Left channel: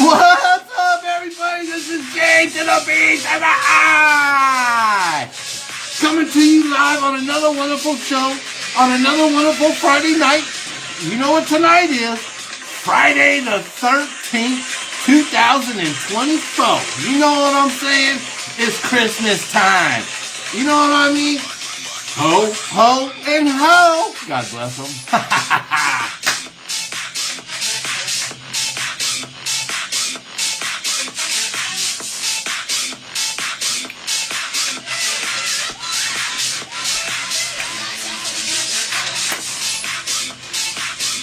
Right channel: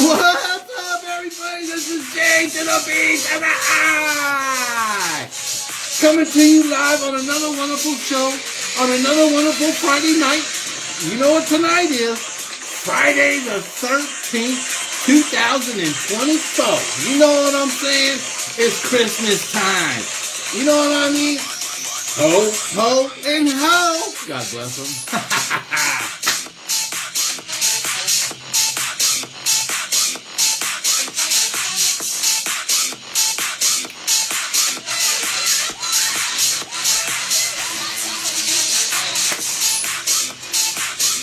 What's up, everybody? This is Jay to the B to the I. Coming to you live on another wonderful show, on another wonderful Friday night. You know what tonight is? Friday the 13th, 2024. You know what I'm saying? It's Christmas time. You know what I mean? Ho, ho, and ho. God bless them.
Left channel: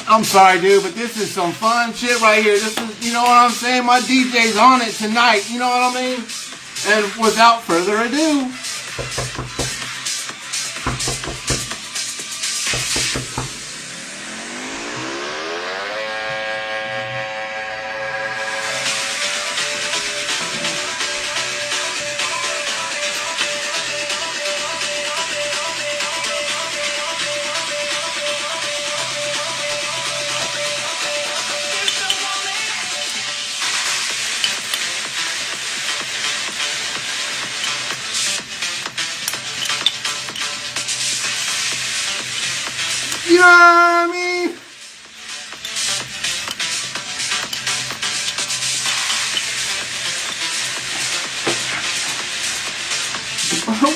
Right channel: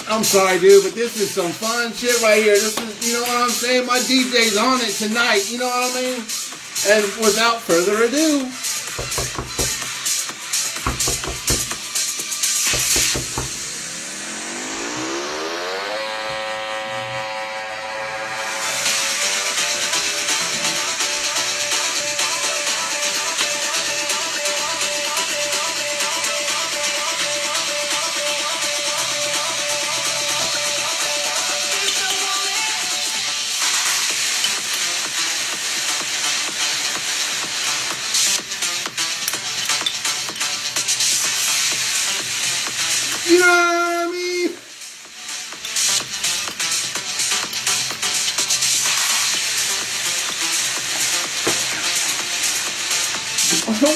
I'm sorry, dude, but this is some fun shit right here. This is, you know what I'm saying? My DJ's on it tonight, you know what I mean? And without further ado, you know what I mean?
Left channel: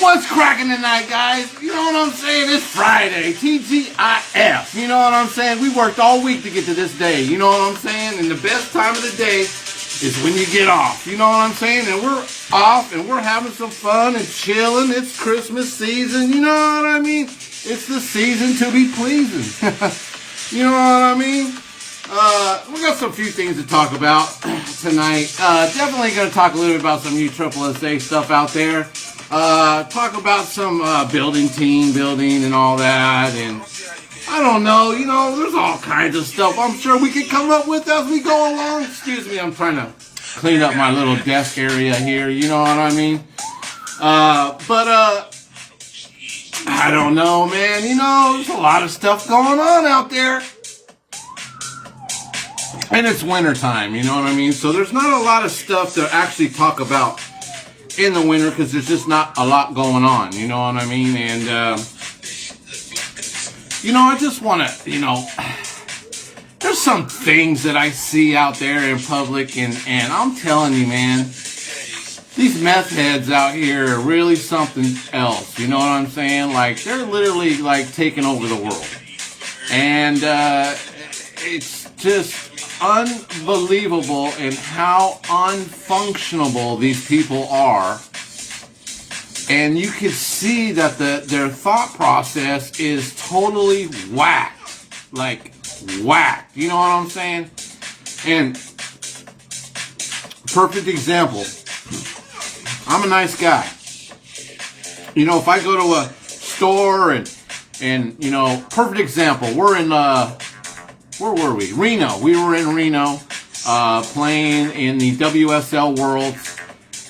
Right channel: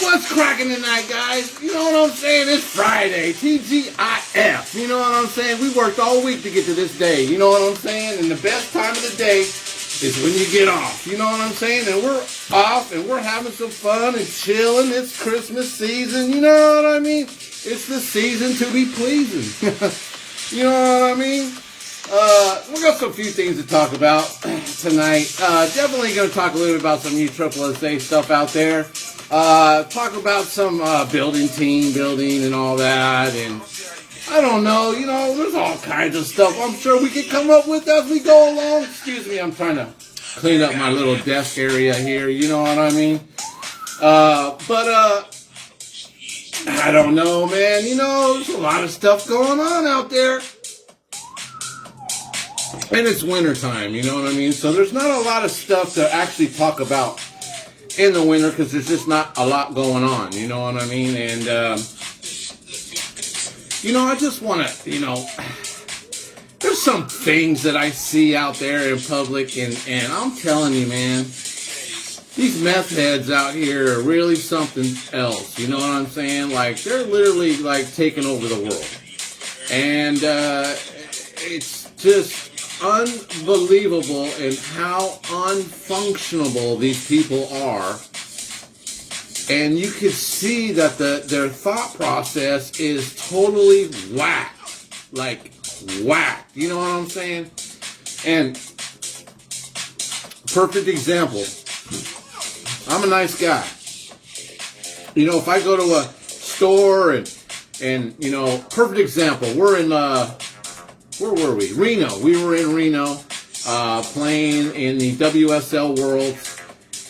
What's cracking tonight, guys? You know what I'm saying? It's Friday, TGIF. You know what I'm saying? We worked all week to get to this day. You know what I'm saying? And the best time of the day is when you get off. You know what I'm saying? And we're off and we're having some fun and chilling. It's Christmas season. You know what I mean? It's the season to be pleasing. You know what I mean? We got some few things to talk about tonight. Definitely going to talk a little bit about some new Triple SA stuff out there. Talk about some team building and all that. And I don't know, you know, there's all kinds of stuff I'm sure we could come up with as we go along. Excuse me, I'm trying to clean up my little desk area here. You know what I mean? I don't know, man. You know, there's a lot of stuff going on out there. And it's wintertime, you know what I mean? So there's not a lot of stuff to actually talk about in the winter because there's just not a lot going on, you know what I mean? And, you know, I just want to, you know, there's some things that I see out there in public, and I'm telling you, man, these meth heads out here are really something else. You know what I'm saying? Like, they're literally, like, taking over the world. And it's just unbelievable in how unfunctionable these people are. And you can see that their thought process is totally whack. Like, whack. You know what I'm saying? And perfect example. I'm a nice guy. You know, if I go to a store and you know, perfect example, we're in, where were we? Reno. We were in Reno, playing in the WSL World,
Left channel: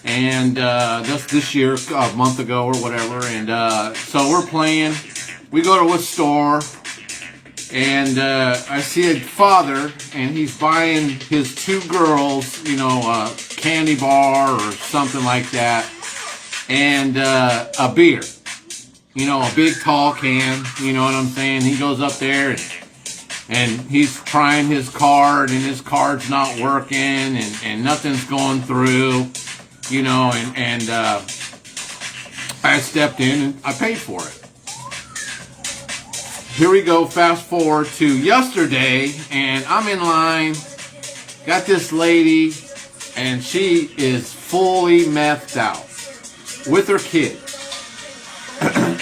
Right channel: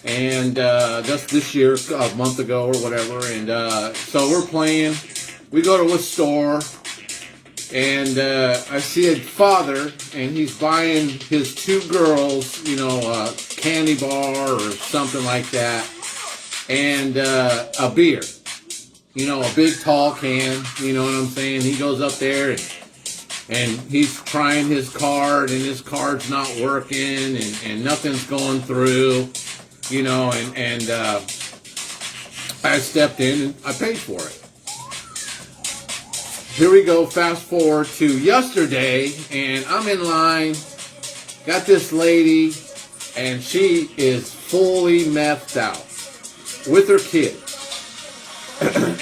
and that's this year, a month ago or whatever, and so we're playing. We go to a store, and I see a father, and he's buying his two girls, you know, a candy bar or something like that, and a beer. You know, a big tall can, you know what I'm saying? He goes up there and he's trying his card, and his card's not working, and nothing's going through, you know, and I stepped in and I paid for it. Here we go, fast forward to yesterday, and I'm in line, got this lady, and she is fully methed out with her kid.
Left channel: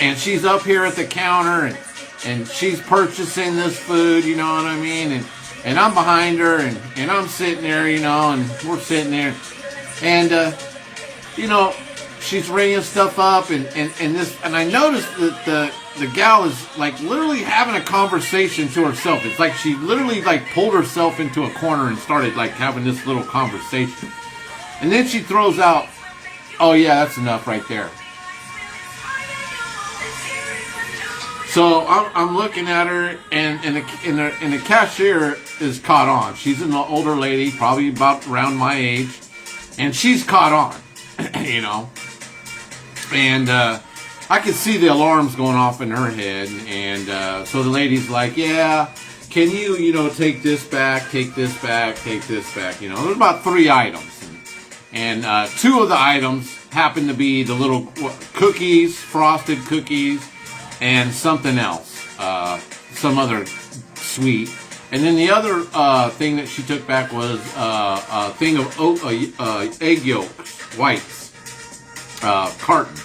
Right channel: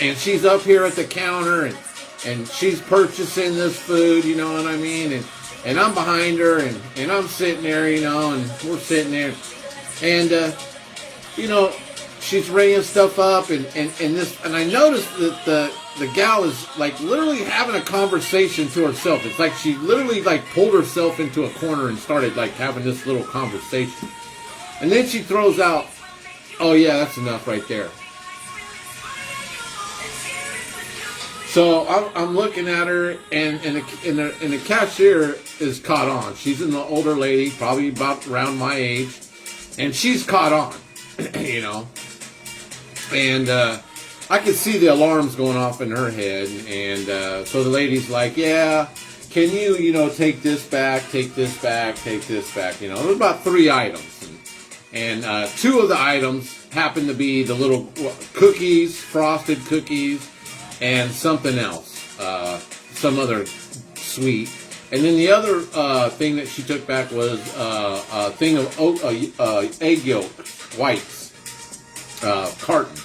And she's up here at the counter, and she's purchasing this food, you know what I mean? And I'm behind her, and I'm sitting there, you know, and we're sitting there. And, you know, she's ringing stuff up, and I noticed that the gal is, like, literally having a conversation to herself. It's like she literally, like, pulled herself into a corner and started, like, having this little conversation. And then she throws out, "Oh, yeah, that's enough right there." So I'm looking at her, and the cashier is caught on. She's an older lady, probably about around my age, and she's caught on, you know. And I could see the alarms going off in her head, and so the lady's like, "Yeah, can you, take this back, take this back, take this back?" There's about 3 items, and 2 of the items happen to be the little cookies, frosted cookies, and something else, some other sweet. And then the other thing that she took back was a thing of egg yolks, whites, carton.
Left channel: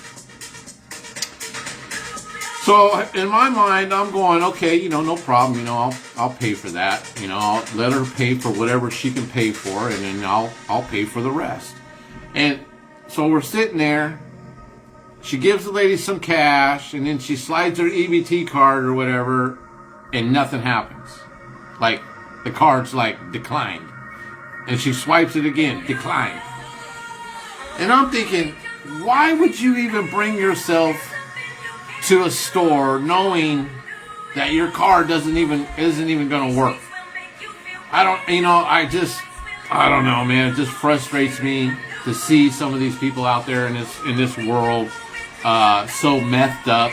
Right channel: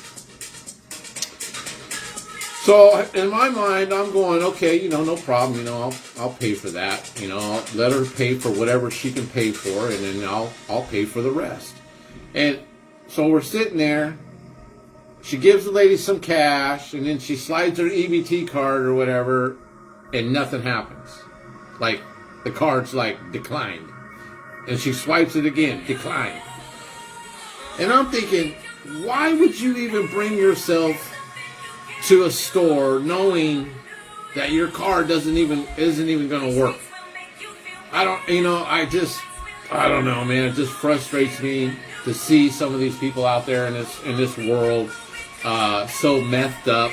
So in my mind, I'm going, okay, no problem. I'll pay for that. I'll let her pay for whatever she can pay for, and then I'll pay for the rest. And so we're sitting there. She gives the lady some cash, and then she slides her EBT card or whatever, and nothing happens. Like, the card's like declined. And she swipes it again, declined. And I'm thinking, why would you even bring yourself to a store knowing that your card isn't even going to work? I don't know, man. It just frustrates me to see some of these people out there in this world so messed up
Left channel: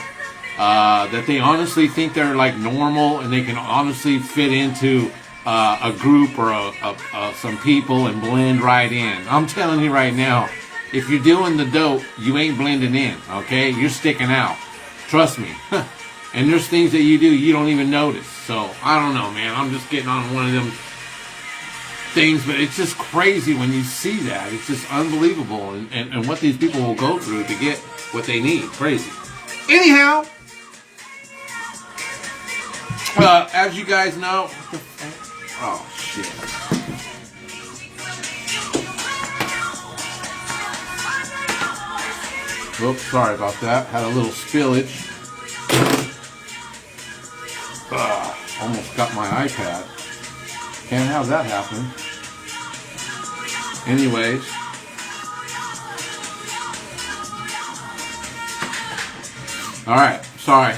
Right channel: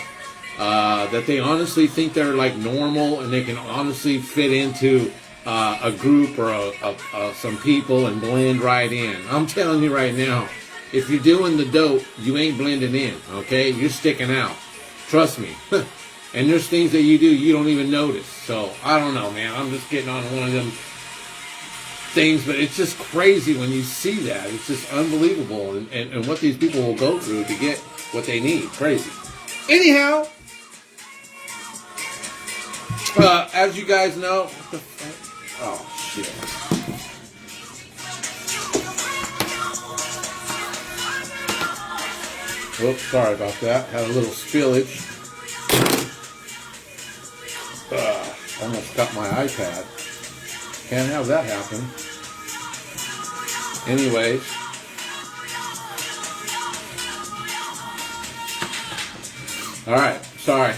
that they honestly think they're like normal and they can honestly fit into a group or some people and blend right in. I'm telling you right now, if you're doing the dope, you ain't blending in, okay? You're sticking out. Trust me. And there's things that you do you don't even notice. So, I don't know, man. I'm just getting on one of them things, but it's just crazy when you see that. It's just unbelievable, and what these people will go through to get what they need. Crazy. Anyhow, as you guys know, oh shit. Oops, sorry about that. Had a little spillage. Almost got my iPad. Can't have that happen. Anyways. Alright, sorry.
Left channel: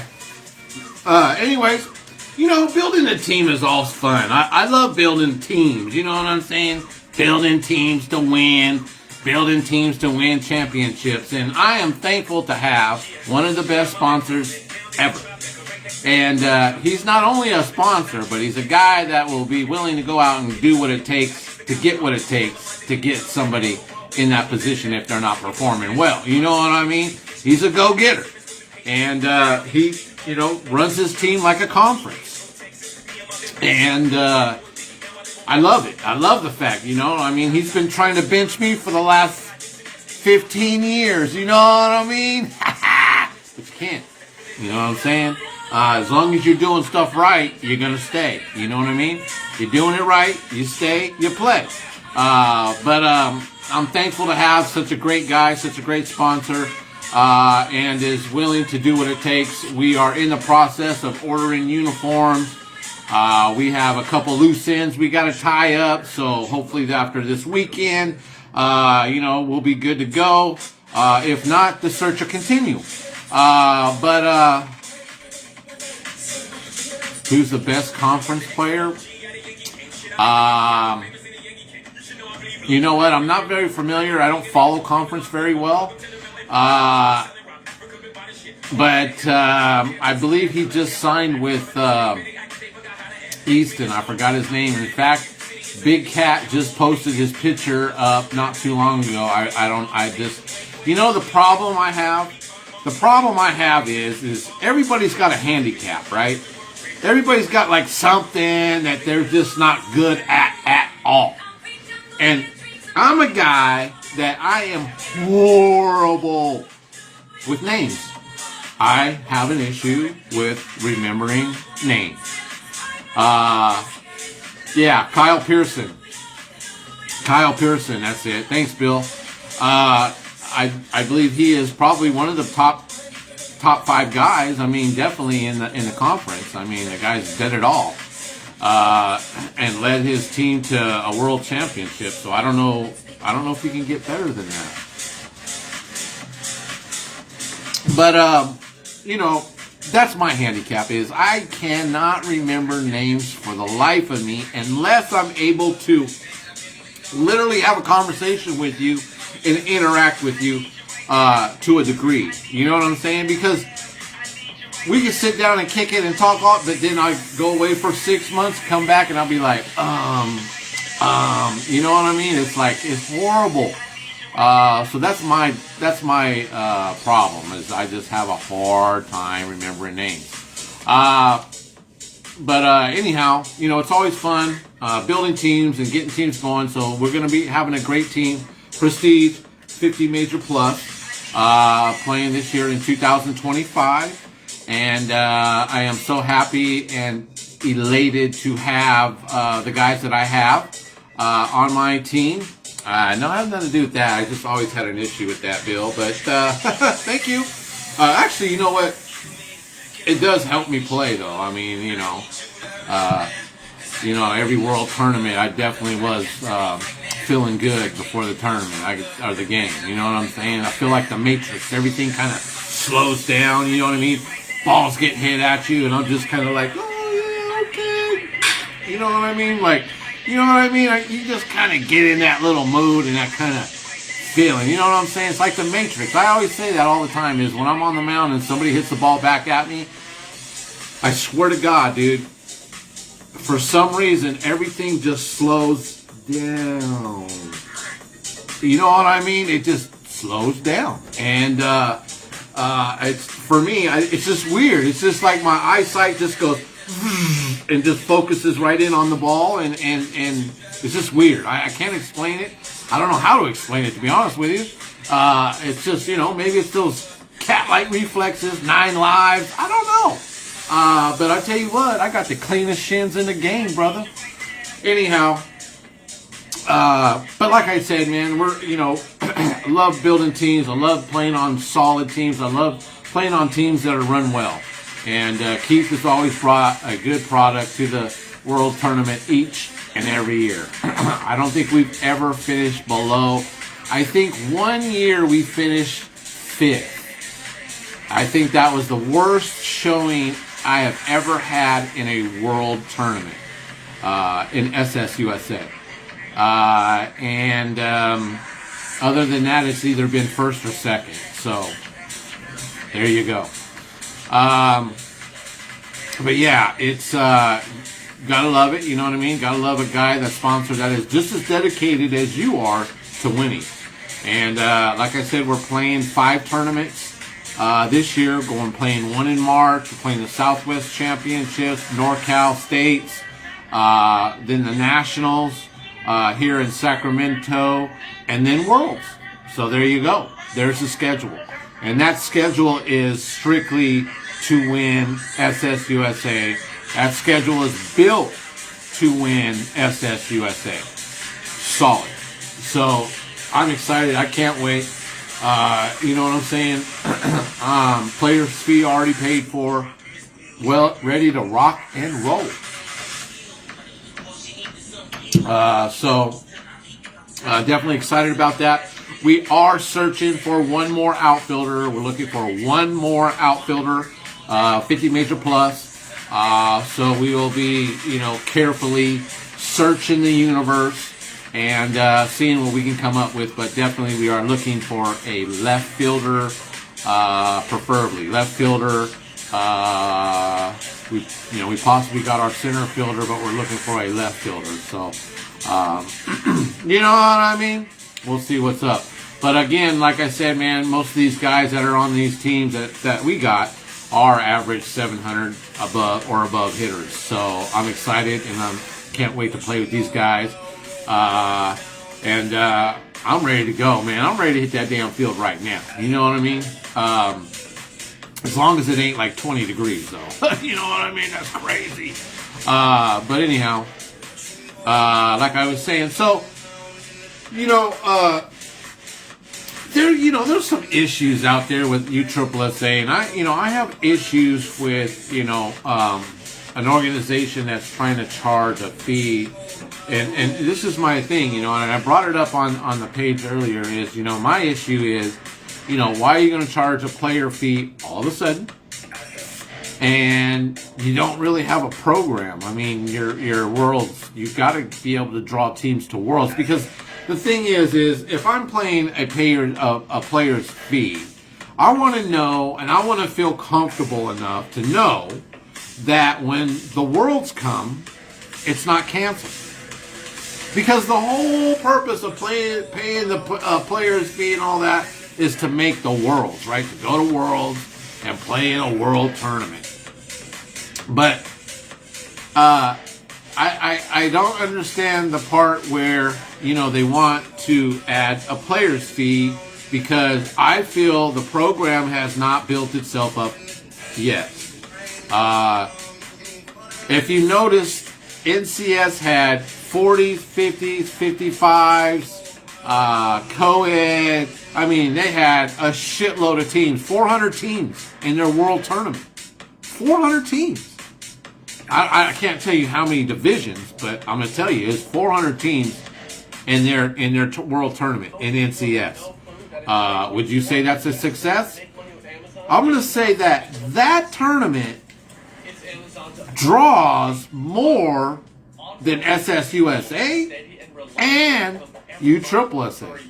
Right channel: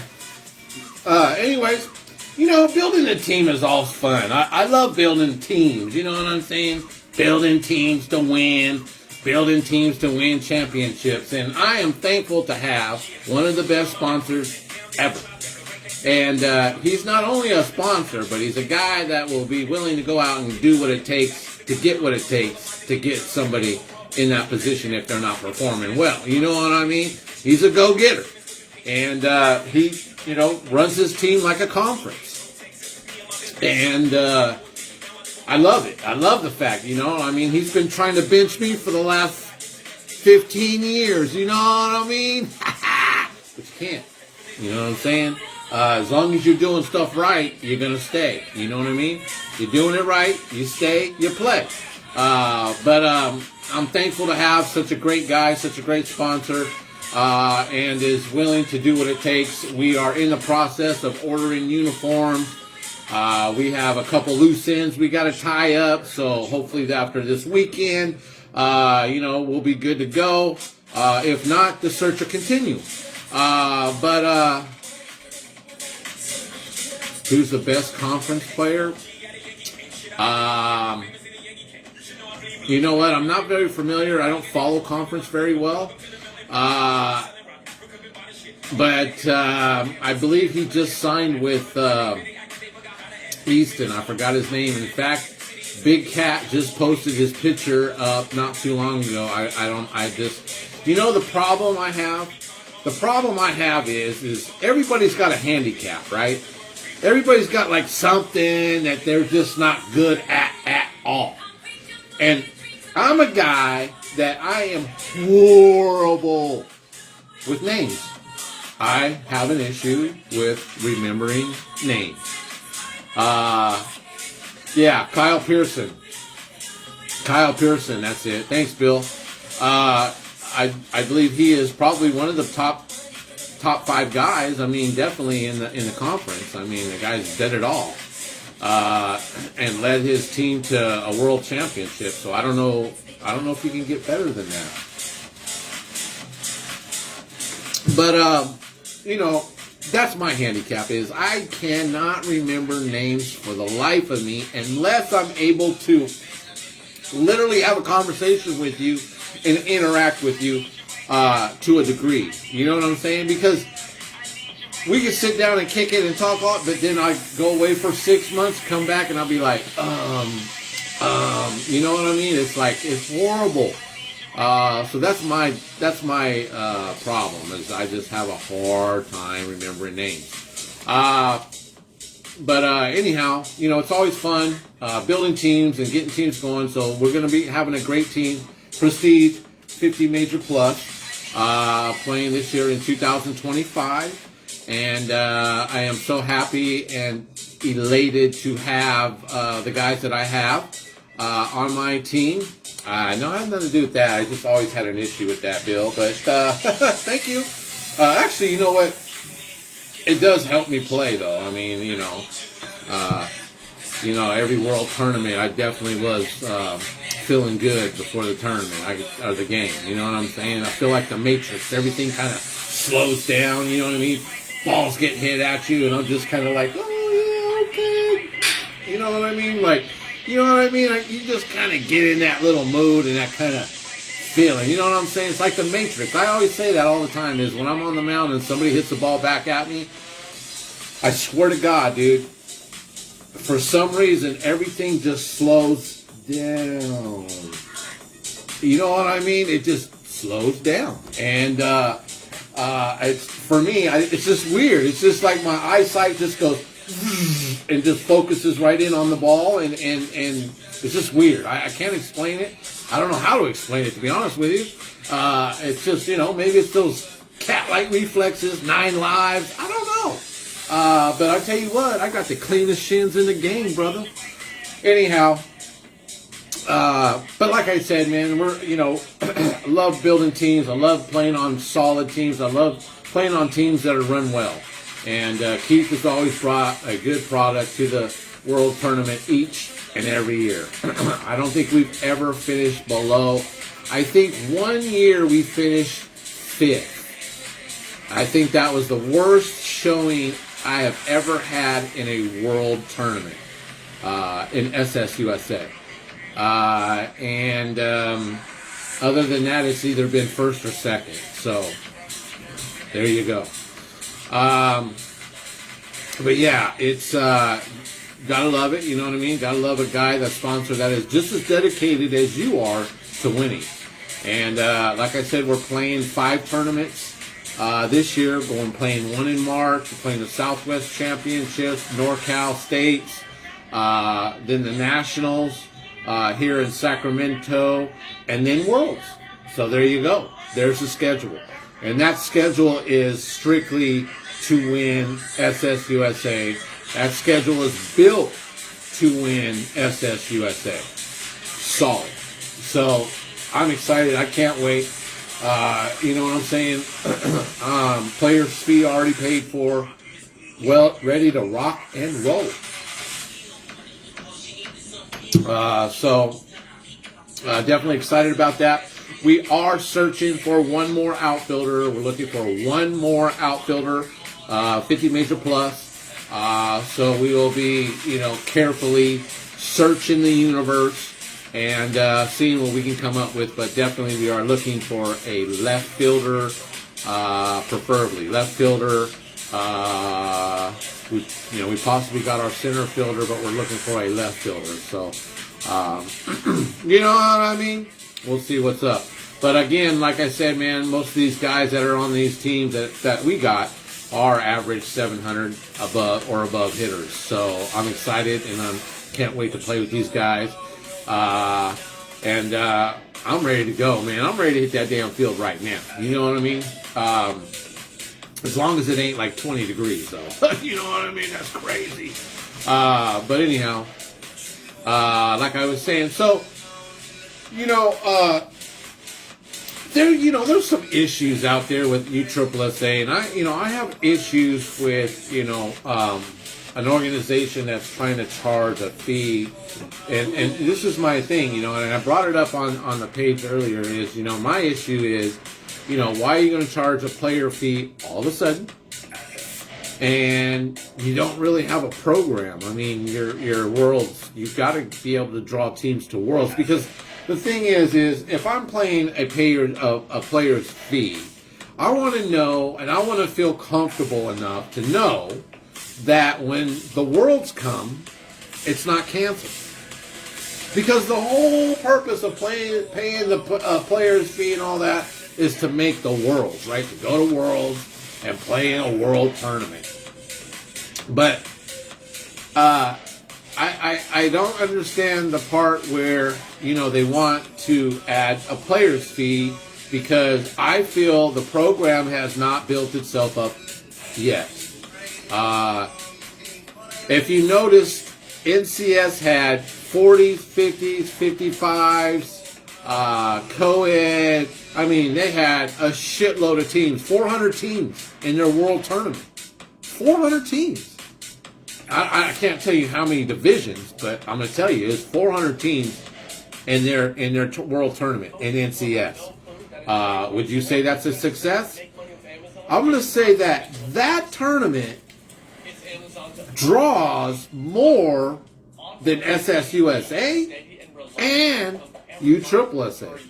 Anyways, building a team is all fun. I love building teams, you know what I'm saying? Building teams to win. Building teams to win championships. And I am thankful to have one of the best sponsors ever. And he's not only a sponsor, but he's a guy that will be willing to go out and do what it takes to get what it takes to get somebody in that position if they're not performing well. You know what I mean? He's a go-getter. And he, runs his team like a conference. And I love it. I love the fact, he's been trying to bench me for the last 15 years. You know what I mean? But you can't. You know what I'm saying? As long as you're doing stuff right, you're going to stay. You know what I mean? You're doing it right, you stay, you play. But I'm thankful to have such a great guy, such a great sponsor, and is willing to do what it takes. We are in the process of ordering uniforms. We have a couple loose ends we got to tie up, so hopefully after this weekend, we'll be good to go. If not, the search will continue. But who's the best conference player? You know what? I'm not very familiar. I don't follow conference very well. But I believe he just signed with Easton. I forgot his name. In fact, Big Cat just posted his picture up not too long ago. The problem I have? The problem I have is everybody's got a handicap, right? Everybody's got like something that they're just not good at all. And I'm a guy that I am horrible with names. I have an issue with remembering names. Kyle Pearson. Kyle Pearson, that's it. Thanks, Bill. I believe he is probably one of the top 5 guys. I mean, definitely in the conference. I mean, the guy's did it all, and led his team to a world championship. So I don't know if he can get better than that. But that's my handicap is I cannot remember names for the life of me unless I'm able to literally have a conversation with you and interact with you to a degree. You know what I'm saying? Because we can sit down and kick it and talk all, but then I go away for 6 months, come back, and I'll be like, you know what I mean? It's like, it's horrible. So that's my problem is I just have a hard time remembering names. But anyhow, you know, it's always fun building teams and getting teams going. So we're going to be having a great team. Prestige 50 Major Plus playing this year in 2025. And I am so happy and elated to have the guys that I have on my team. No, I have nothing to do with that. I just always had an issue with that, Bill. But thank you. Actually, you know what? It does help me play, though. I mean, you know, every world tournament, I definitely was feeling good before the tournament or the game. You know what I'm saying? I feel like the Matrix. Everything kind of slows down. You know what I mean? Balls getting hit at you, and I'm just kind of like, oh, yeah, okay. You know what I mean? Like, you know what I mean? You just kind of get in that little mood and that kind of feeling. You know what I'm saying? It's like the Matrix. I always say that all the time is when I'm on the mound and somebody hits the ball back at me, I swear to God, dude, for some reason, everything just slows down. You know what I mean? It just slows down. And it's for me, it's just weird. It's just like my eyesight just goes and just focuses right in on the ball, and it's just weird. I can't explain it. I don't know how to explain it, to be honest with you. It's just, you know, maybe it's those cat-like reflexes, 9 lives. I don't know. But I tell you what, I got the cleanest shins in the game, brother. Anyhow, but like I said, man, we're, you know, love building teams. I love playing on solid teams. I love playing on teams that are run well. And Keith has always brought a good product to the World Tournament each and every year. I don't think we've ever finished below. I think one year we finished 5th. I think that was the worst showing I have ever had in a World Tournament in SSUSA. And other than that, it's either been 1st or 2nd. So there you go. But yeah, it's gotta love it. You know what I mean? Gotta love a guy, that sponsor that is just as dedicated as you are to winning. And like I said, we're playing 5 tournaments this year. Playing 1 in March. We're playing the Southwest Championships, NorCal States, then the Nationals here in Sacramento, and then Worlds. So there you go. There's the schedule. And that schedule is strictly to win SSUSA. That schedule is built to win SSUSA. Solid. So I'm excited. I can't wait. You know what I'm saying? Players fee already paid for. Well, ready to rock and roll. So definitely excited about that. We are searching for one more outfielder. We're looking for one more outfielder, 50 Major Plus. So we will be, you know, carefully searching the universe and seeing what we can come up with. But definitely we are looking for a left fielder, preferably left fielder. We possibly got our center fielder, but we're looking for a left fielder. So, you know what I mean? We'll see what's up. But again, like I said, man, most of these guys that are on these teams that we got are average 700 above hitters. So I'm excited and I can't wait to play with these guys. And I'm ready to go, man. I'm ready to hit that damn field right now. You know what I mean? As long as it ain't like 20 degrees, though. You know what I mean? That's crazy. But anyhow, like I was saying, so, there's some issues out there with USSSA, and I have issues with, an organization that's trying to charge a fee, and this is my thing, and I brought it up on the page earlier, is, my issue is, why are you going to charge a player fee all of a sudden? and you don't really have a program. I mean, your worlds, you've got to be able to draw teams to worlds, because the thing is if I'm playing a player's fee, I want to know and I want to feel comfortable enough to know that when the worlds come, it's not canceled. Because the whole purpose of paying the player's fee and all that is to make the worlds, right? To go to worlds and play in a world tournament. But I don't understand the part where, they want to add a player's fee, because I feel the program has not built itself up yet. If you notice, NCS had 40s, 50s, 55s, co-ed. I mean, they had a shitload of teams, 400 teams in their world tournament. 400 teams. I can't tell you how many divisions, but I'm going to tell you, it's 400 teams in their world tournament in NCS. Would you say that's a success? I'm going to say that tournament draws more than SSUSA and USSSA.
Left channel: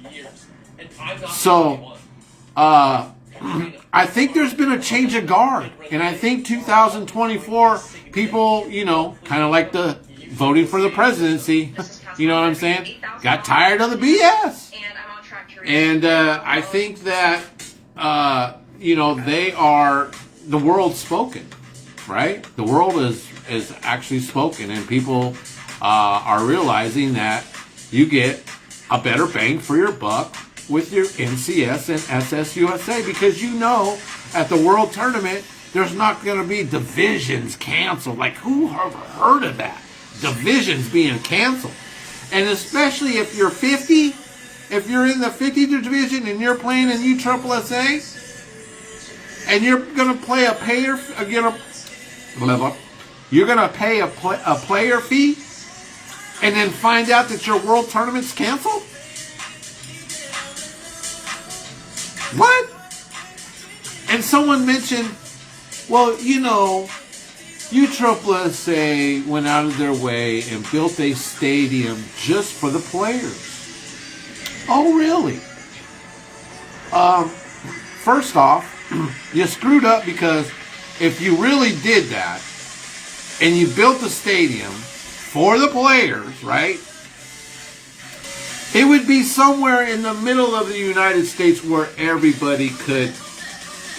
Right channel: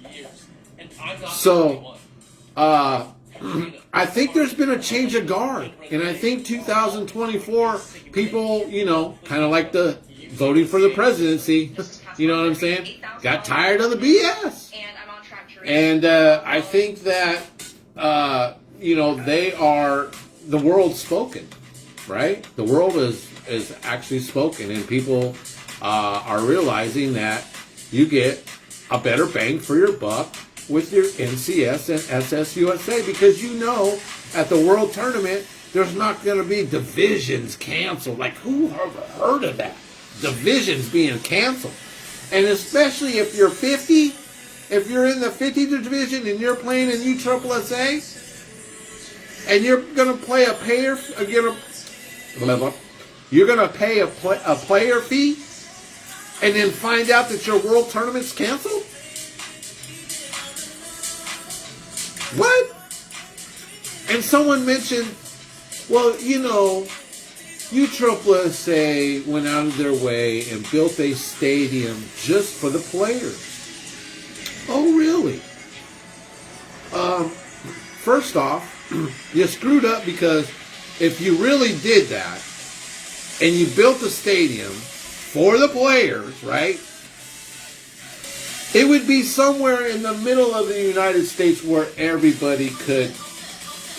So, I think there's been a change of guard, and I think 2024 people, kind of like the voting for the presidency, you know what I'm saying, got tired of the BS. And I think that, they are, the world's spoken, right? The world is actually spoken, and people are realizing that you get a better bang for your buck with your NCS and SSUSA, because at the World Tournament, there's not going to be divisions canceled. Like, who ever heard of that? Divisions being canceled. And especially if you're 50, if you're in the 50 division and you're playing in USSSA, and you're going to play you're going to pay a player fee, and then find out that your World Tournament's canceled? What? And someone mentioned, well, USSSA went out of their way and built a stadium just for the players. Oh, really? First off, you screwed up, because if you really did that and you built a stadium for the players, right? It would be somewhere in the middle of the United States where everybody could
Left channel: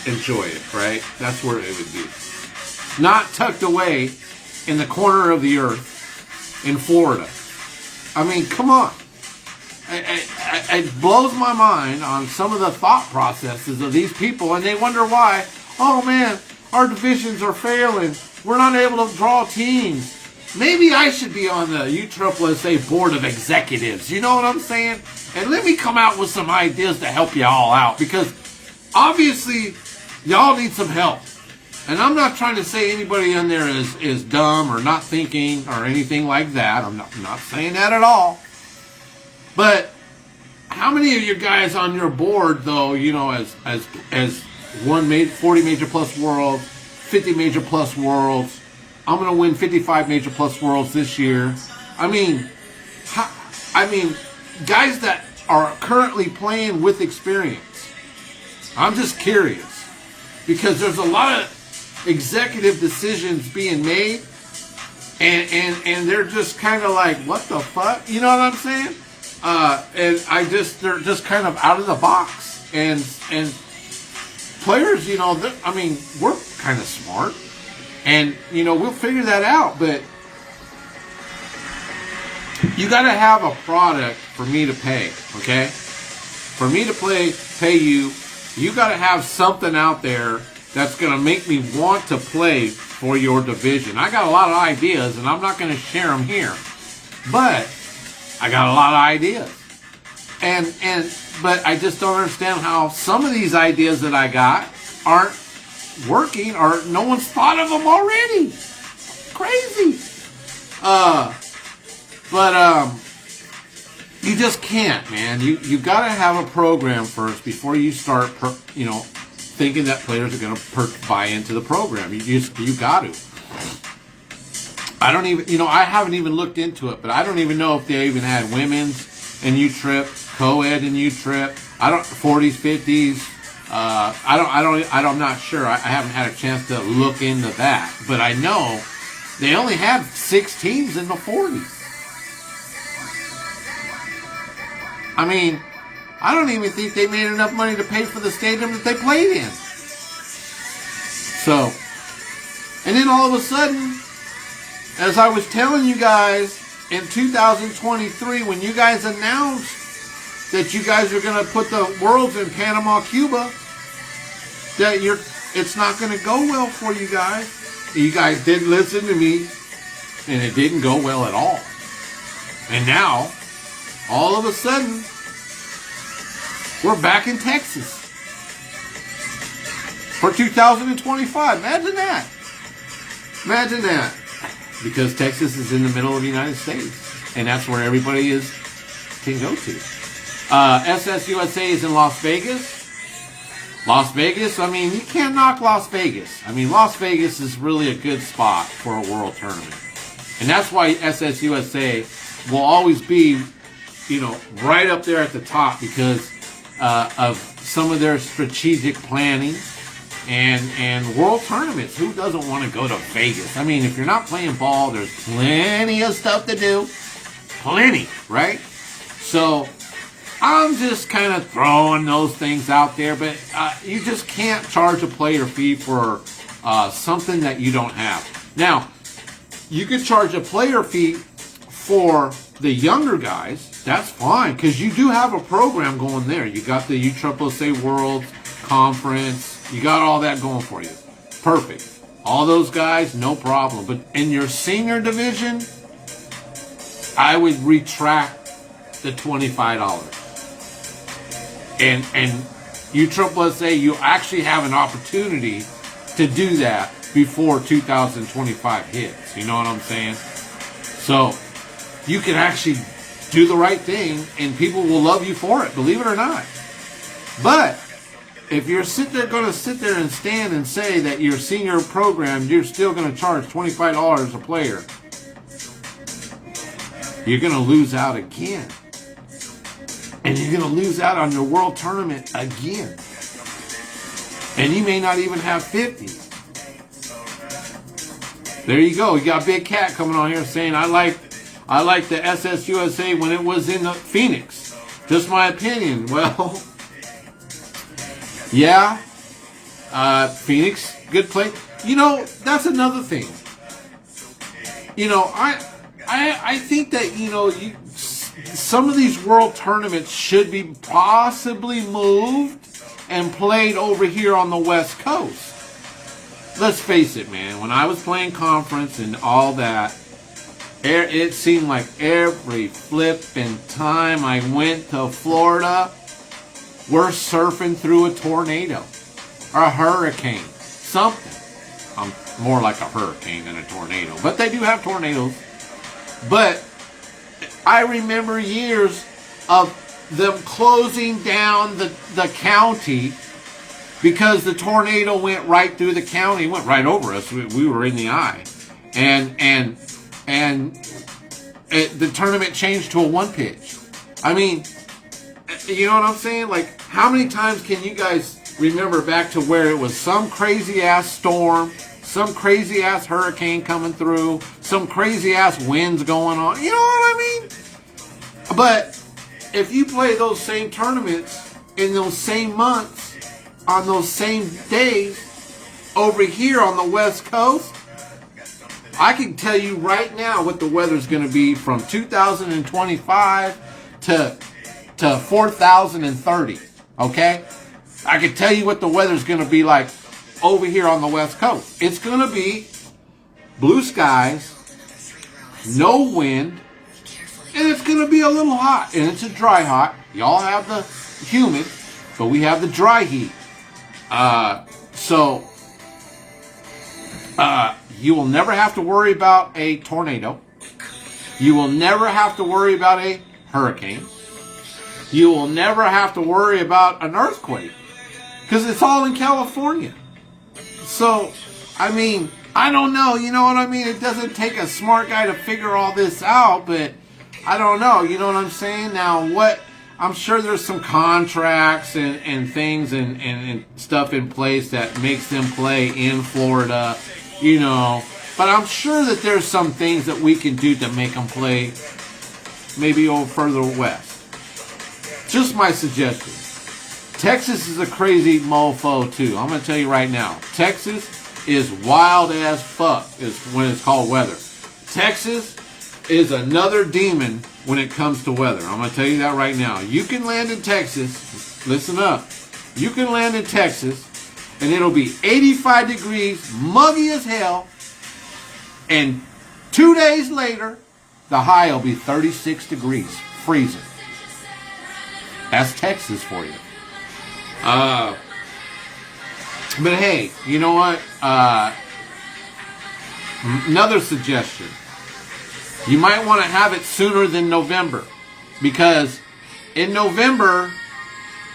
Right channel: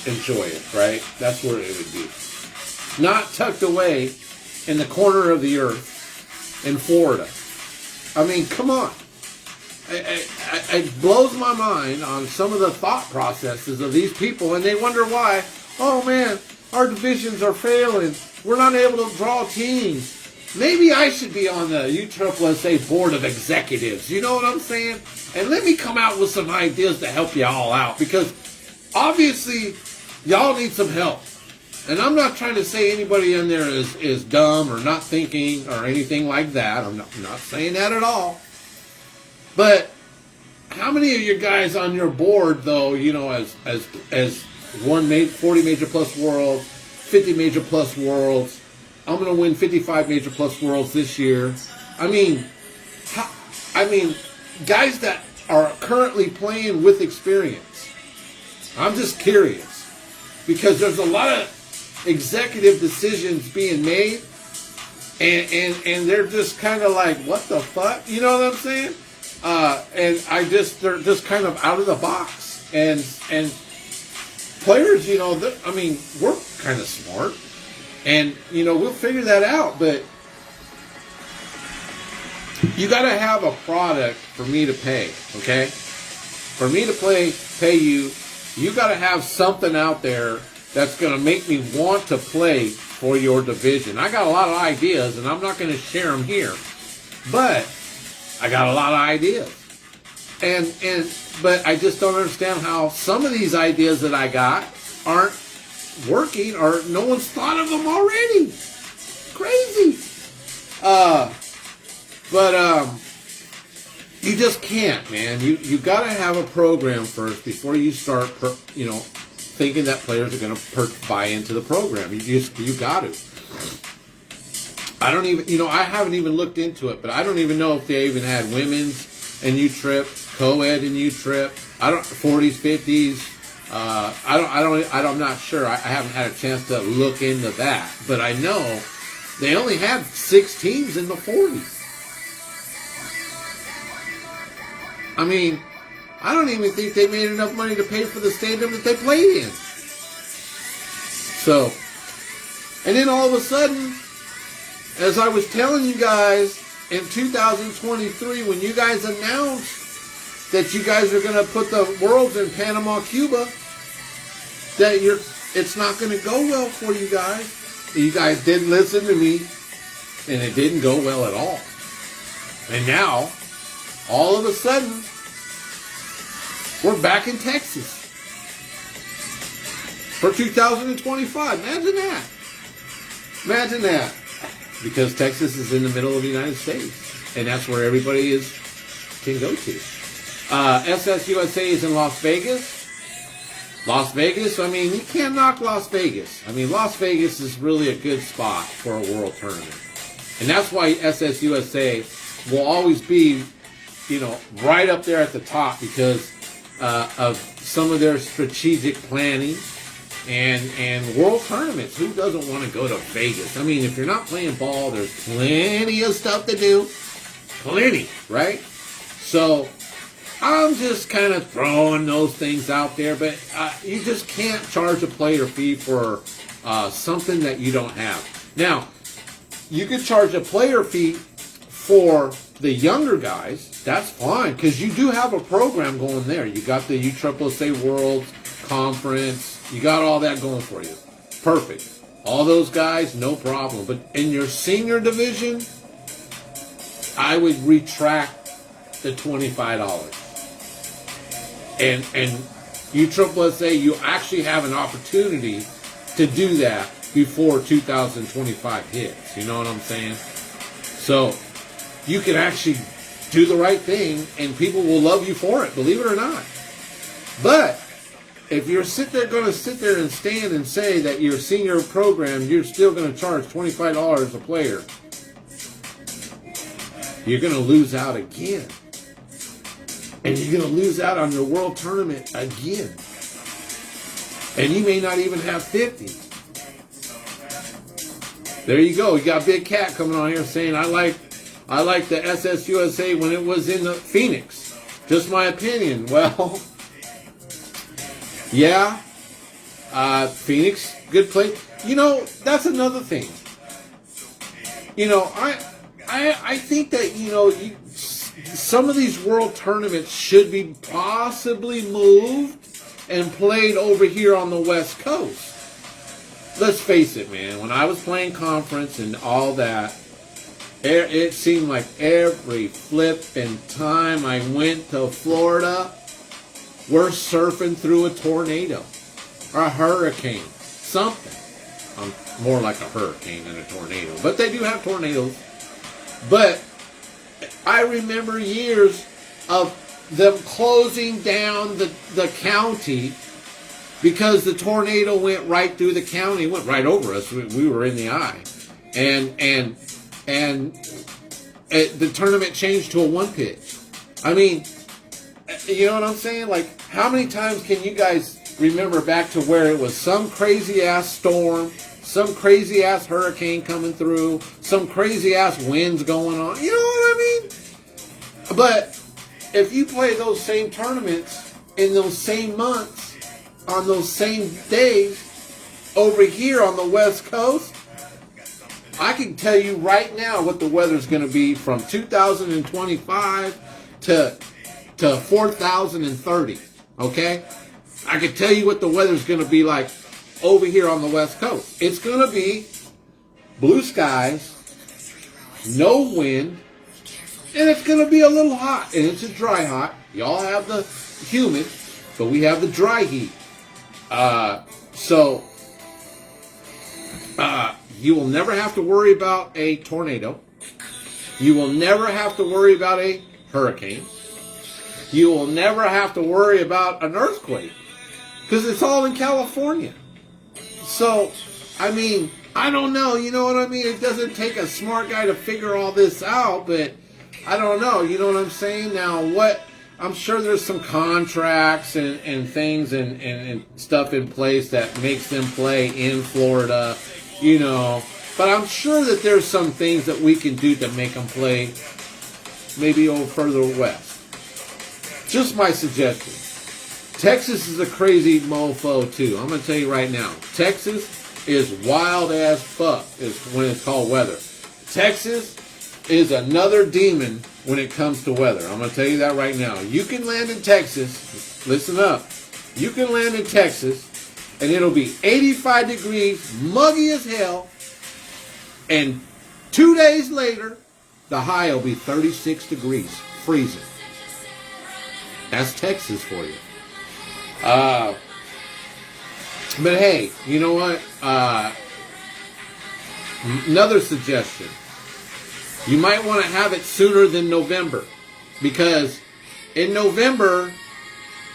enjoy it, right? That's where it would be. Not tucked away in the corner of the earth in Florida. I mean, come on. It blows my mind on some of the thought processes of these people, and they wonder why, oh man, our divisions are failing. We're not able to draw teams. Maybe I should be on the USSSA Board of Executives. You know what I'm saying? And let me come out with some ideas to help you all out, because obviously y'all need some help. And I'm not trying to say anybody in there is dumb or not thinking or anything like that. I'm not saying that at all. But how many of you guys on your board, though, as 40 major plus worlds, 50 major plus worlds, I'm going to win 55 major plus worlds this year. I mean, guys that are currently playing with experience. I'm just curious, because there's a lot of executive decisions being made, and they're just kind of like, what the fuck? You know what I'm saying? And they're just kind of out of the box. And players, we're kind of smart. And, we'll figure that out. But you got to have a product for me to pay, okay? For me to pay you, you got to have something out there that's going to make me want to play for your division. I got a lot of ideas, and I'm not going to share them here. But I got a lot of ideas. But I just don't understand how some of these ideas that I got aren't working, or no one's thought of them already. Crazy. But you just can't, man. You got to have a program first before you start, thinking that players are going to buy into the program. You got to. I don't even, I haven't even looked into it, but I don't even know if they even had women's in U-Trip, co-ed in U-Trip. 40s, 50s. I'm not sure. I haven't had a chance to look into that, but I know they only had 6 teams in the 40s. I mean, I don't even think they made enough money to pay for the stadium that they played in. So, and then all of a sudden, as I was telling you guys in 2023, when you guys announced that you guys are going to put the Worlds in Panama, Cuba, that it's not going to go well for you guys. You guys didn't listen to me, and it didn't go well at all. And now, all of a sudden, we're back in Texas for 2025. Imagine that. Imagine that. Because Texas is in the middle of the United States, and that's where everybody can go to. SSUSA is in Las Vegas. Las Vegas, I mean, you can't knock Las Vegas. I mean, Las Vegas is really a good spot for a world tournament. And that's why SSUSA will always be, right up there at the top because of some of their strategic planning and world tournaments. Who doesn't want to go to Vegas? I mean, if you're not playing ball, there's plenty of stuff to do. Plenty, right? So I'm just kind of throwing those things out there, but you just can't charge a player fee for something that you don't have. Now, you could charge a player fee for the younger guys. That's fine, because you do have a program going there. You got the USSSA World Conference. You got all that going for you. Perfect. All those guys, no problem. But in your senior division, I would retract the $25. And USSSA, you actually have an opportunity to do that before 2025 hits. You know what I'm saying? So you can actually do the right thing, and people will love you for it, believe it or not. But if you're going to sit there and stand and say that your senior program, you're still going to charge $25 a player, you're going to lose out again. And you're going to lose out on your world tournament again. And you may not even have 50. There you go. You got Big Cat coming on here saying, I like the SSUSA when it was in the Phoenix. Just my opinion. Well, yeah. Phoenix, good play. That's another thing. I think that, some of these world tournaments should be possibly moved and played over here on the West Coast. Let's face it, man. When I was playing conference and all that, it seemed like every flipping time I went to Florida, we're surfing through a tornado or a hurricane, something. More like a hurricane than a tornado, but they do have tornadoes. But I remember years of them closing down the county because the tornado went right through the county, went right over us. We were in the eye, and the tournament changed to a one pitch. I mean, you know what I'm saying? Like, how many times can you guys remember back to where it was some crazy ass storm, some crazy ass hurricane coming through, some crazy ass winds going on? You know what I mean? But if you play those same tournaments in those same months, on those same days, over here on the West Coast, I can tell you right now what the weather's going to be from 2025 to 4030, okay? I can tell you what the weather's going to be like over here on the West Coast. It's going to be blue skies, no wind, and it's going to be a little hot, and it's a dry hot. Y'all have the humid, but we have the dry heat. So you will never have to worry about a tornado. You will never have to worry about a hurricane. You will never have to worry about an earthquake. because it's all in California. So, I mean, I don't know, you know what I mean? It doesn't take a smart guy to figure all this out, but I don't know, you know what I'm saying? Now, I'm sure there's some contracts and things and stuff in place that makes them play in Florida, you know, but I'm sure that there's some things that we can do to make them play maybe a little further west. Just my suggestion. Texas is a crazy mofo too. I'm going to tell you right now. Texas is wild as fuck is when it's called weather. Texas is another demon when it comes to weather. I'm going to tell you that right now. You can land in Texas. Listen up. You can land in Texas and it'll be 85 degrees, muggy as hell. And 2 days later, the high will be 36 degrees, freezing. That's Texas for you. But hey, you know what? Another suggestion. You might want to have it sooner than November. Because in November,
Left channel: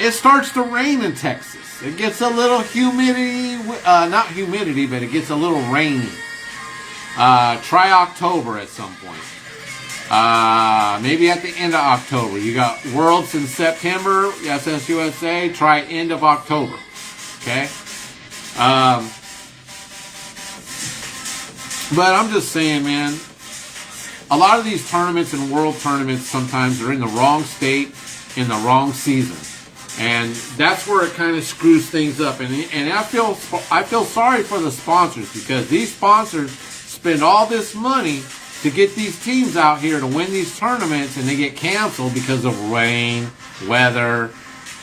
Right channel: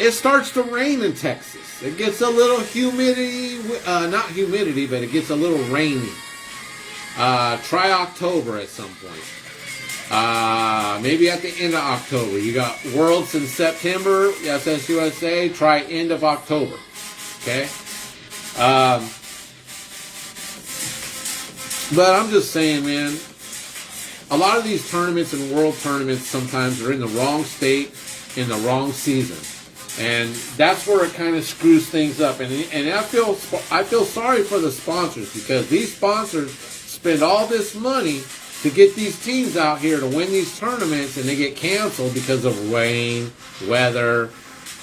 it starts to rain in Texas. It gets a little humidity, not humidity, but it gets a little rainy. Try October at some point. Maybe at the end of October. You got Worlds in September, SSUSA. Try end of October. Okay? But I'm just saying, man, a lot of these tournaments and world tournaments sometimes are in the wrong state, in the wrong season. And that's where it kind of screws things up. And I feel sorry for the sponsors, because these sponsors spend all this money to get these teams out here to win these tournaments, and they get canceled because of rain, weather.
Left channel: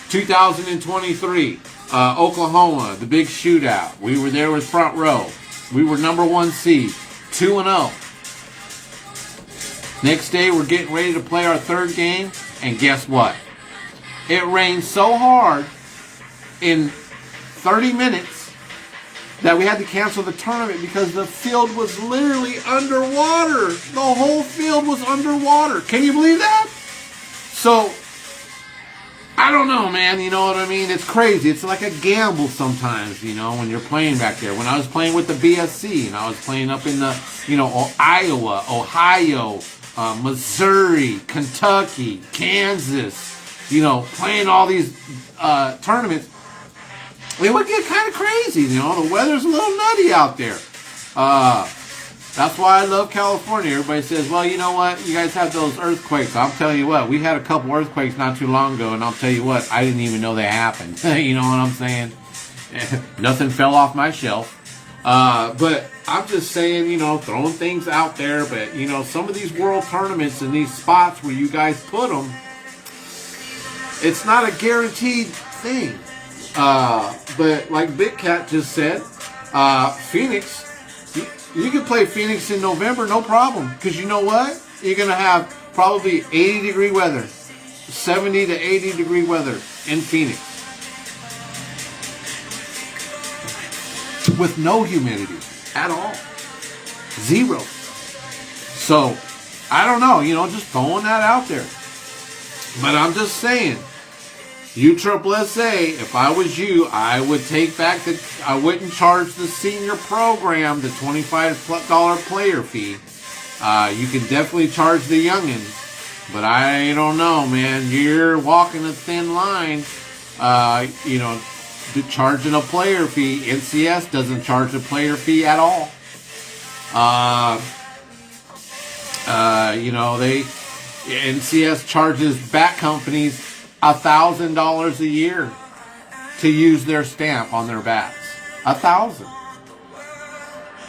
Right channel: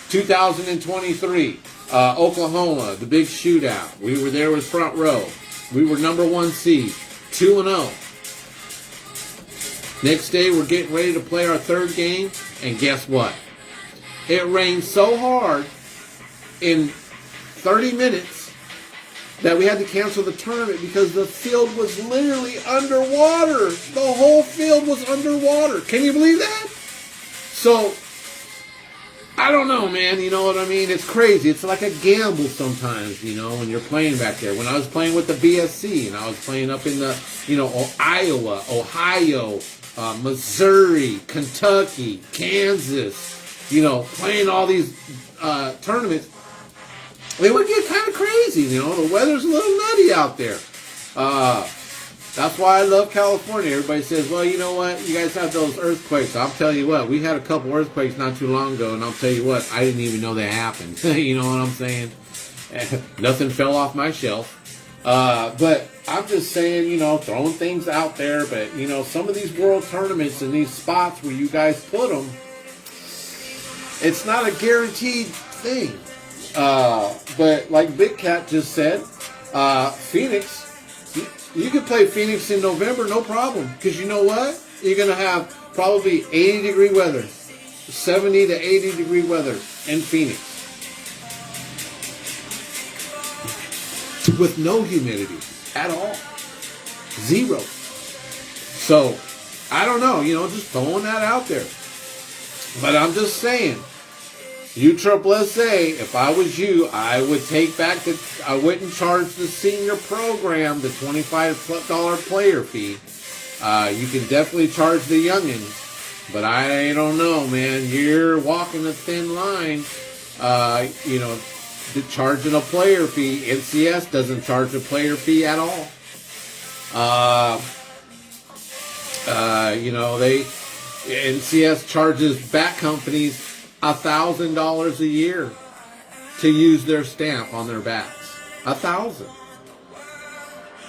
2023, Oklahoma, the big shootout. We were there with Front Row. We were number 1 seed, 2-0. Next day, we're getting ready to play our third game, and guess what? It rained so hard in 30 minutes that we had to cancel the tournament because the field was literally underwater. The whole field was underwater. Can you believe that? So, I don't know, man. You know what I mean? It's crazy. It's like a gamble sometimes, you know, when you're playing back there. When I was playing with the BSC and I was playing up in the, you know, Iowa, Ohio, Missouri, Kentucky, Kansas, you know, playing all these tournaments, it would get kind of crazy, you know. The weather's a little nutty out there. That's why I love California. Everybody says, well, you know what? You guys have those earthquakes. I'll tell you what. We had a couple earthquakes not too long ago, and I'll tell you what. I didn't even know they happened. You know what I'm saying? Nothing fell off my shelf. But I'm just saying, you know, throwing things out there. But, you know, some of these world tournaments and these spots where you guys put them, it's not a guaranteed thing. But like Big Cat just said, Phoenix, you can play Phoenix in November, no problem. Because you know what? You're going to have probably 80-degree weather, 70 to 80-degree weather in Phoenix. With no humidity at all. Zero. So, I don't know, you know, just throwing that out there. But I'm just saying, USSSA, if I was you, I would take back I wouldn't charge the senior program the $25 player fee. You can definitely charge the youngins, but I don't know, man. You're walking a thin line, you know, charging a player fee. NCS doesn't charge a player fee at all. You know, NCS charges back companies $1,000 a year to use their stamp on their bats. $1,000.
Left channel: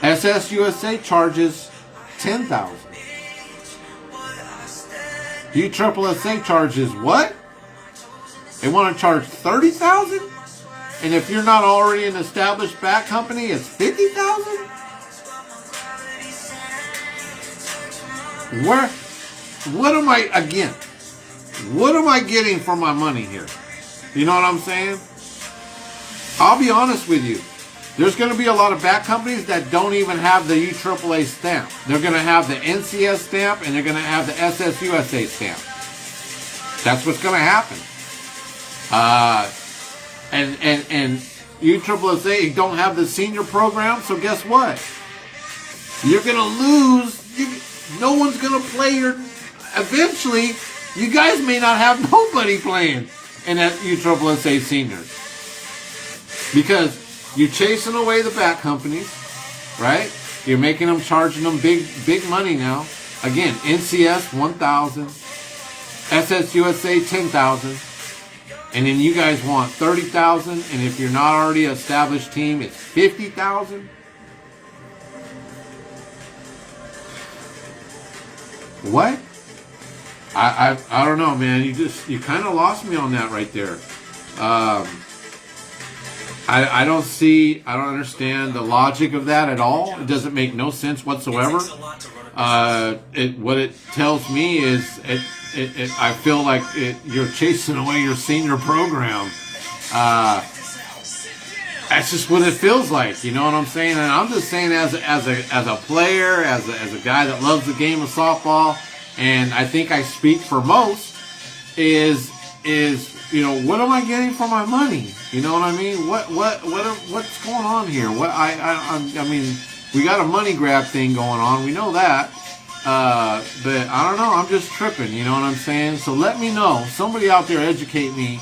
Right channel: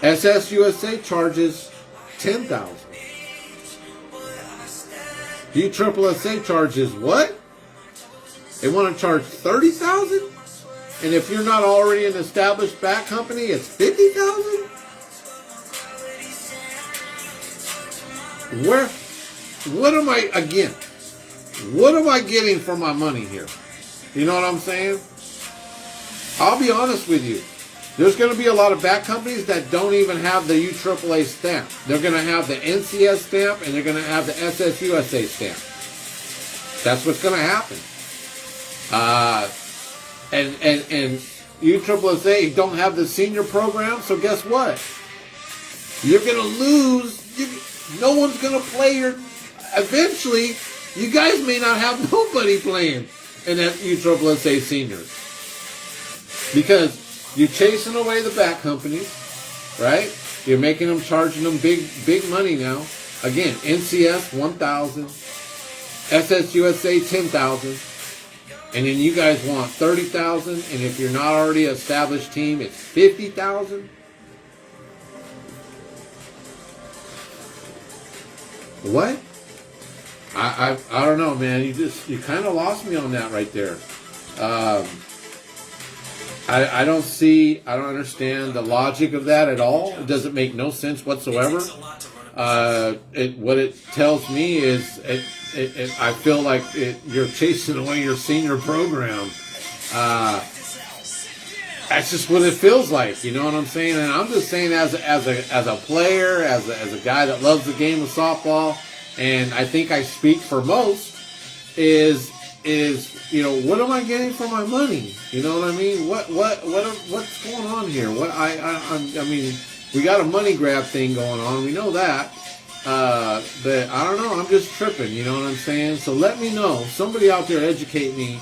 SSUSA charges $10,000. USSSA charges what? They want to charge $30,000? And if you're not already an established bat company, it's $50,000? What am I getting for my money here? You know what I'm saying? I'll be honest with you. There's going to be a lot of bat companies that don't even have the USSSA stamp. They're going to have the NCS stamp and they're going to have the SSUSA stamp. That's what's going to happen. and USSSA don't have the senior program, so guess what? You're going to lose. No one's going to play your... Eventually, you guys may not have nobody playing in that USSSA seniors. Because you're chasing away the back companies, right? You're making them, charging them big money now. Again, NCS 1,000, SSUSA 10,000, and then you guys want 30,000, and if you're not already an established team, it's 50,000. What? I don't know, man. You kind of lost me on that right there. I don't understand the logic of that at all. It doesn't make no sense whatsoever. What it tells me is I feel like you're chasing away your senior program. That's just what it feels like. You know what I'm saying? And I'm just saying as a player, as a guy that loves the game of softball, and I think I speak for most, is what am I getting for my money? You know what I mean? What's going on here? I mean, we got a money grab thing going on. We know that. But I don't know. I'm just tripping. You know what I'm saying? So let me know. Somebody out there educate me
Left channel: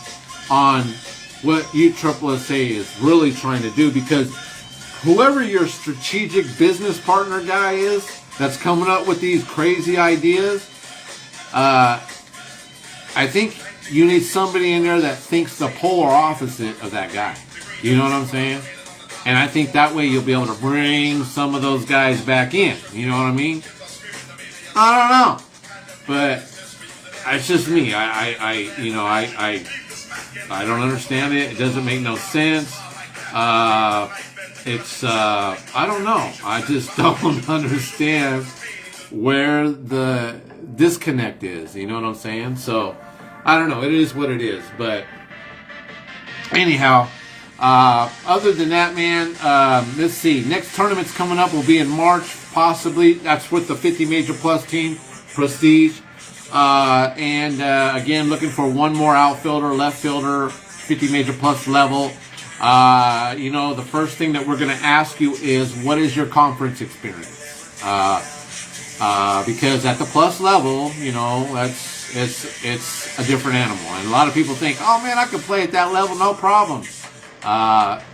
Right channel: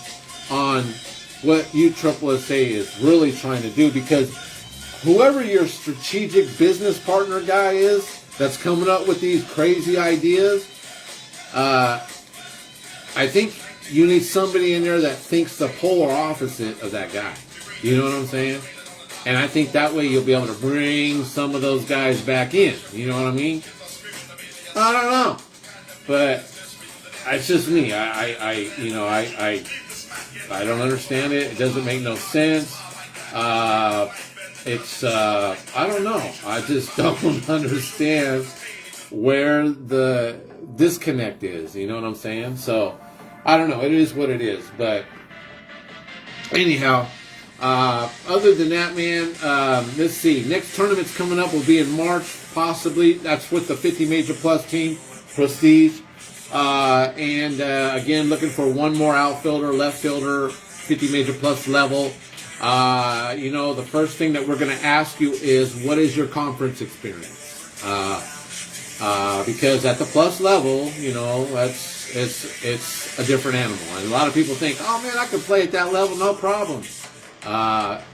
on what USSSA is really trying to do, because whoever your strategic business partner guy is that's coming up with these crazy ideas, I think you need somebody in there that thinks the polar opposite of that guy. You know what I'm saying? And I think that way you'll be able to bring some of those guys back in. You know what I mean? I don't know. But it's just me. I don't understand it. It doesn't make no sense. I don't know. I just don't understand where the disconnect is. You know what I'm saying? So, I don't know. It is what it is. But anyhow, other than that, man, let's see. Next tournament's coming up will be in March, possibly. That's with the 50 Major Plus team, Prestige. Again, looking for one more outfielder, left fielder, 50 Major Plus level. The first thing that we're going to ask you is, what is your conference experience? Because at the plus level, it's a different animal. And a lot of people think, oh man, I could play at that level, no problem.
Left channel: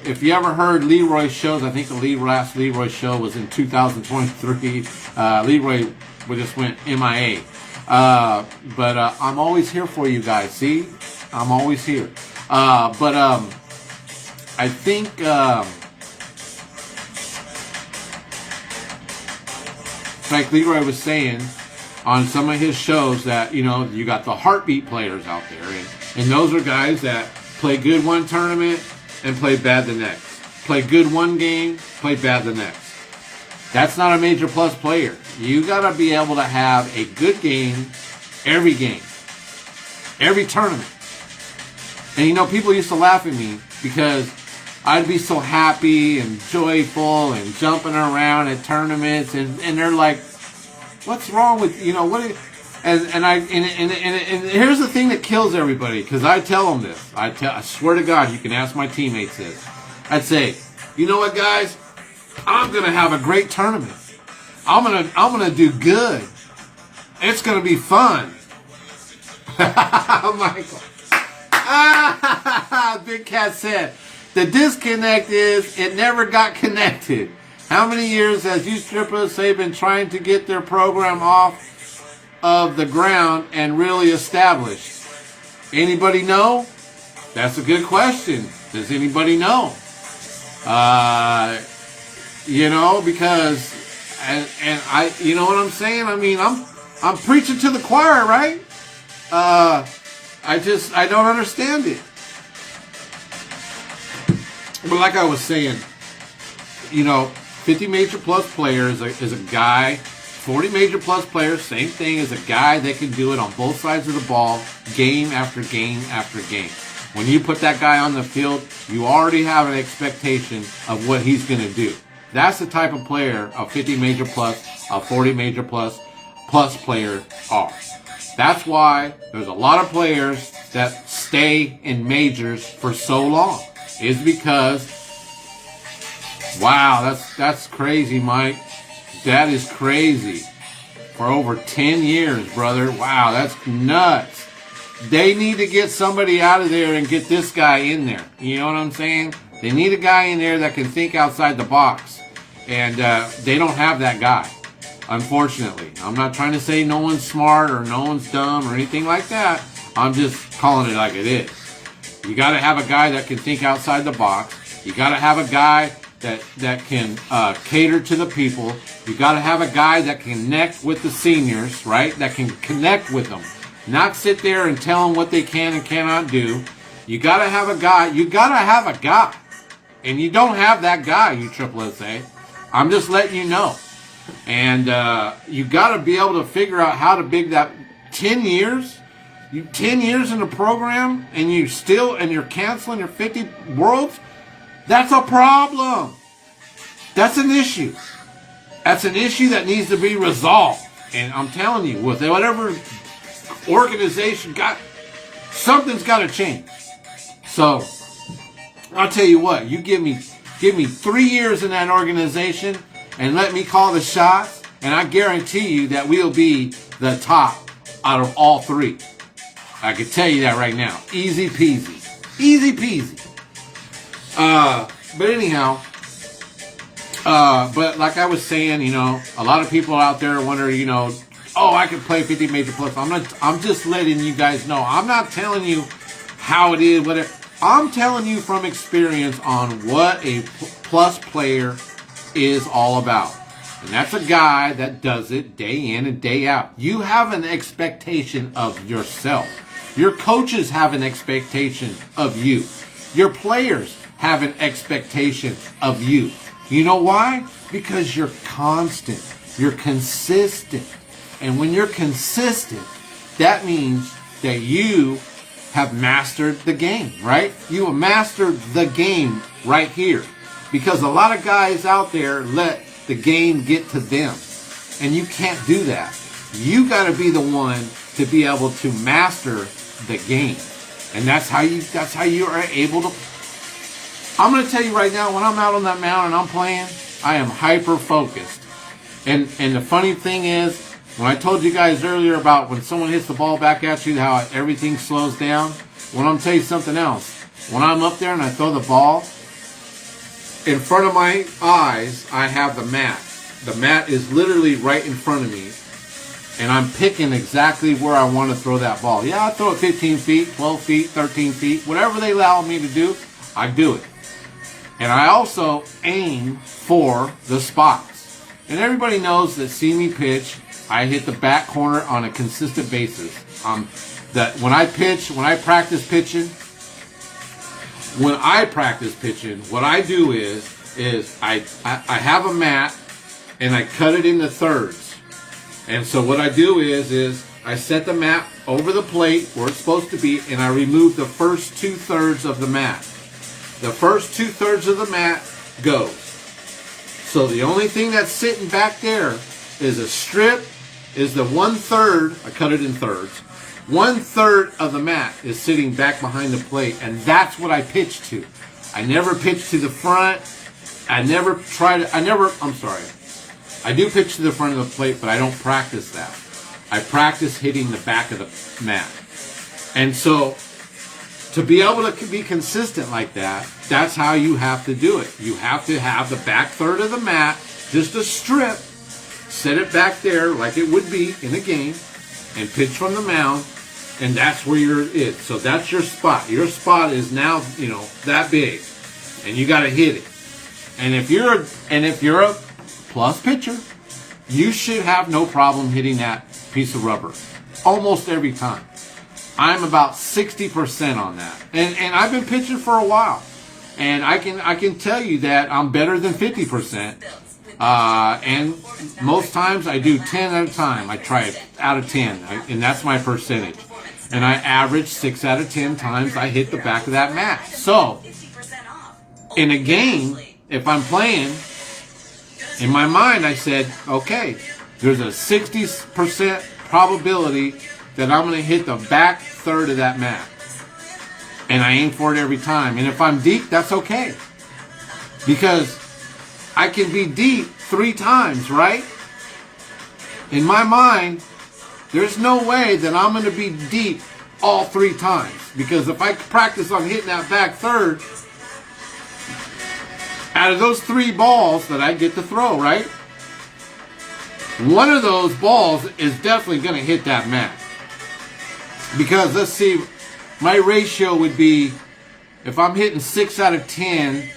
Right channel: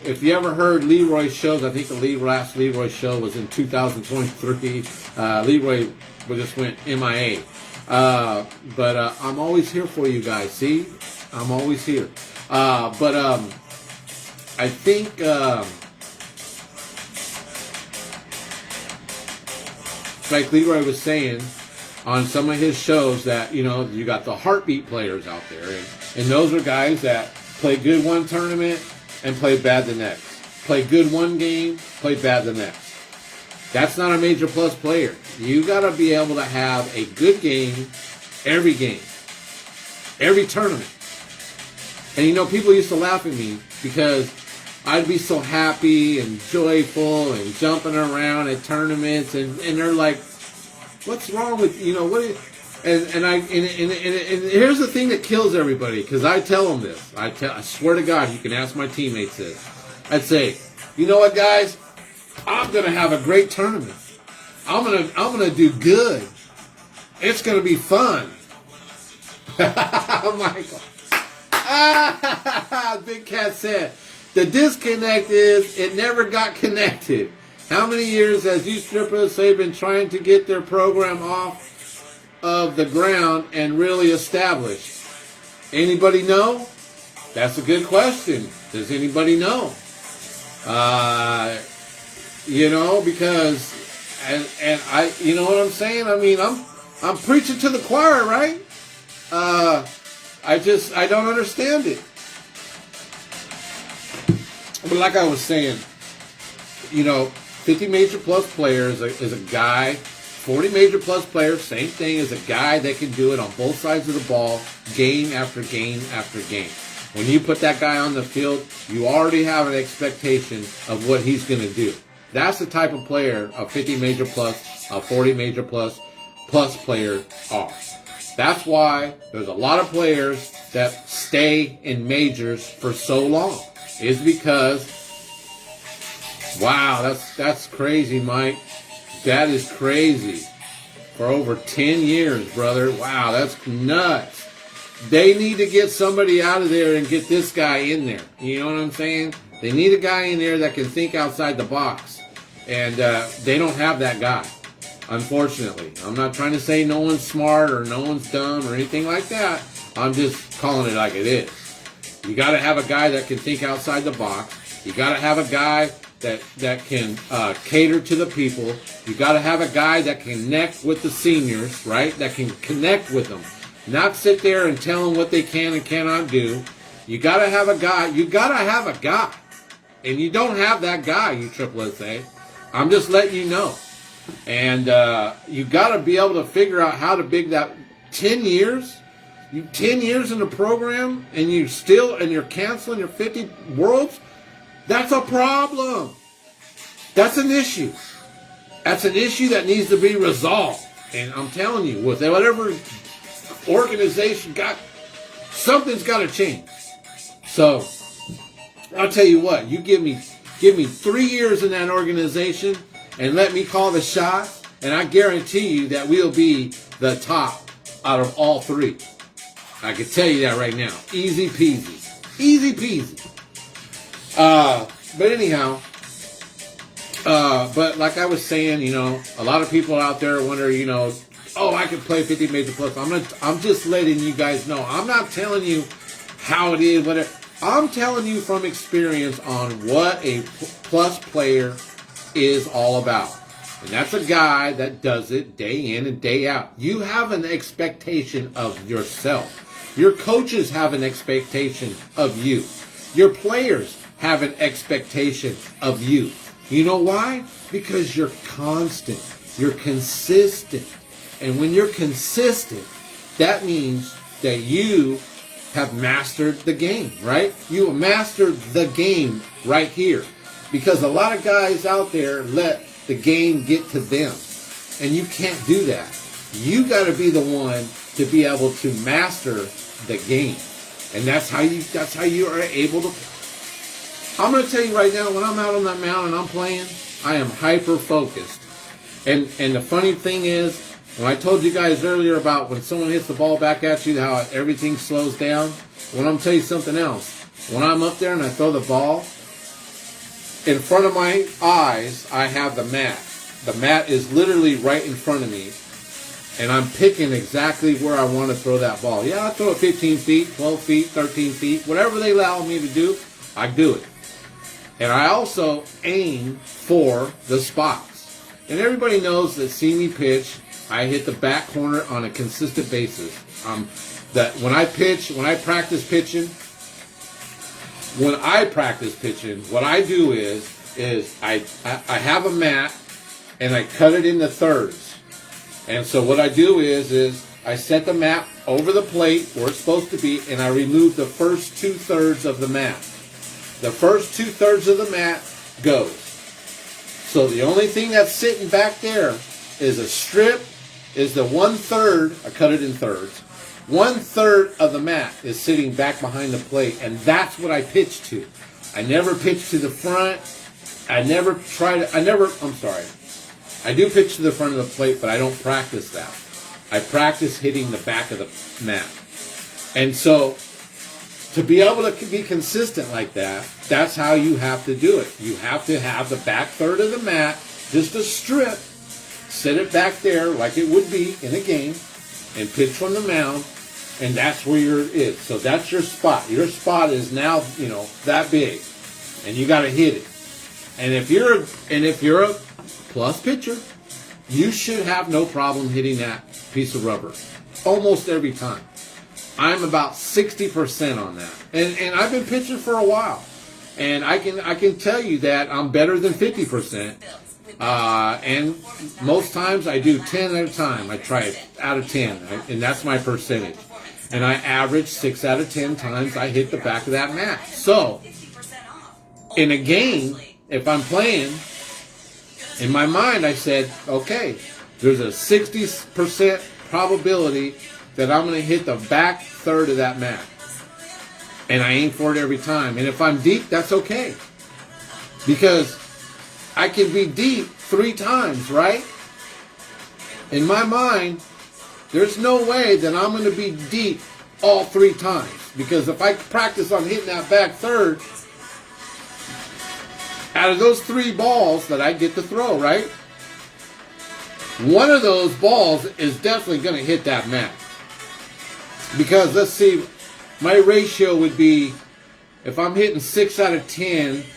If you ever heard Leroy's shows, I think the last Leroy show was in 2023. Leroy just went MIA. But I'm always here for you guys. See? I'm always here. I think like Leroy was saying on some of his shows that, you got the heartbeat players out there. And those are guys that play good one tournament and play bad the next. Play good one game, play bad the next. That's not a Major Plus player. You got to be able to have a good game, every tournament. And people used to laugh at me because I'd be so happy and joyful and jumping around at tournaments, and they're like, "What's wrong with what?" And here's the thing that kills everybody, because I tell them this. I swear to God, you can ask my teammates this. I'd say, you know what, guys? I'm gonna have a great tournament. I'm gonna do good. It's gonna be fun. Michael. Big Cat said, the disconnect is it never got connected. How many years has USSSA been trying to get their program off of the ground and really established? Anybody know? That's a good question. Does anybody know? Because and I, you know what I'm saying? I mean, I'm preaching to the choir, right? I don't understand it. But like I was saying, 50 Major Plus players is a guy. 40 Major Plus players, same thing, as a guy that can do it on both sides of the ball, game after game after game. When you put that guy on the field, you already have an expectation of what he's going to do. That's the type of player a 50 Major Plus, a 40 Major Plus player are. That's why there's a lot of players that stay in majors for so long is because, wow, that's crazy, Mike. That is crazy. For over 10 years, brother. Wow, that's nuts. They need to get somebody out of there and get this guy in there. You know what I'm saying? They need a guy in there that can think outside the box. And they don't have that guy, unfortunately. I'm not trying to say no one's smart or no one's dumb or anything like that. I'm just calling it like it is. You got to have a guy that can think outside the box. You got to have a guy that can cater to the people. You got to have a guy that can connect with the seniors, right? That can connect with them. Not sit there and tell them what they can and cannot do. You got to have a guy. You got to have a guy. And you don't have that guy, you Triple SA. I'm just letting you know. And you got to be able to figure out how to big that 10 years. 10 years in the program and you're canceling your 50 worlds. That's a problem. That's an issue. That's an issue that needs to be resolved. And I'm telling you, with whatever organization something's got to change. So I'll tell you what, you give me 3 years in that organization and let me call the shots, and I guarantee you that we'll be the top out of all three. I can tell you that right now. Easy peasy. Easy peasy. But anyhow, but like I was saying, a lot of people out there wonder, oh, I can play 50 major plus. I'm just letting you guys know. I'm not telling you how it is, whatever. I'm telling you from experience on what a plus player is all about. And that's a guy that does it day in and day out. You have an expectation of yourself. Your coaches have an expectation of you. Your players have an expectation of you. You know why? Because you're constant. You're consistent. And when you're consistent, that means that you have mastered the game, right? You have mastered the game right here. Because a lot of guys out there let the game get to them. And you can't do that. You got to be the one to be able to master the game. And that's how you are able to. I'm going to tell you right now, when I'm out on that mound and I'm playing, I am hyper focused. And the funny thing is, when I told you guys earlier about when someone hits the ball back at you, how everything slows down, well, I'm going to tell you something else. When I'm up there and I throw the ball, in front of my eyes, I have the mat. The mat is literally right in front of me. And I'm picking exactly where I want to throw that ball. Yeah, I throw it 15 feet, 12 feet, 13 feet. Whatever they allow me to do, I do it. And I also aim for the spots. And everybody knows that see me pitch, I hit the back corner on a consistent basis. That when I practice pitching, what I do is I have a mat and I cut it into thirds. And so what I do is I set the mat over the plate where it's supposed to be, and I remove the first 2/3 of the mat. The first 2/3 of the mat goes. So the only thing that's sitting back there is a strip, is the 1/3, I cut it in thirds. 1/3 of the mat is sitting back behind the plate, and that's what I pitch to. I never pitch to the front. I do pitch to the front of the plate, but I don't practice that. I practice hitting the back of the mat. And so, to be able to be consistent like that, that's how you have to do it. You have to have the back third of the mat, just a strip, set it back there like it would be in a game, and pitch from the mound, and that's where your is. So that's your spot. Your spot is now, that big, and you got to hit it. And if you're a plus pitcher, you should have no problem hitting that piece of rubber almost every time. I'm about 60% on that, and I've been pitching for a while, and I can tell you that I'm better than 50%. And most times I do 10 at a time. I try it out of 10, and that's my percentage. And I average 6 out of 10 times I hit the back of that mat. So in a game, if I'm playing, in my mind I said, okay, there's a 60% probability that I'm going to hit the back third of that mat. and I aim for it every time. And if I'm deep, that's okay. Because I can be deep 3 times, right? In my mind, there's no way that I'm going to be deep all 3 times. Because if I practice on hitting that back third, out of those 3 balls that I get to throw, right? One of those balls is definitely going to hit that mat. Because let's see, my ratio would be, if I'm hitting 6 out of 10,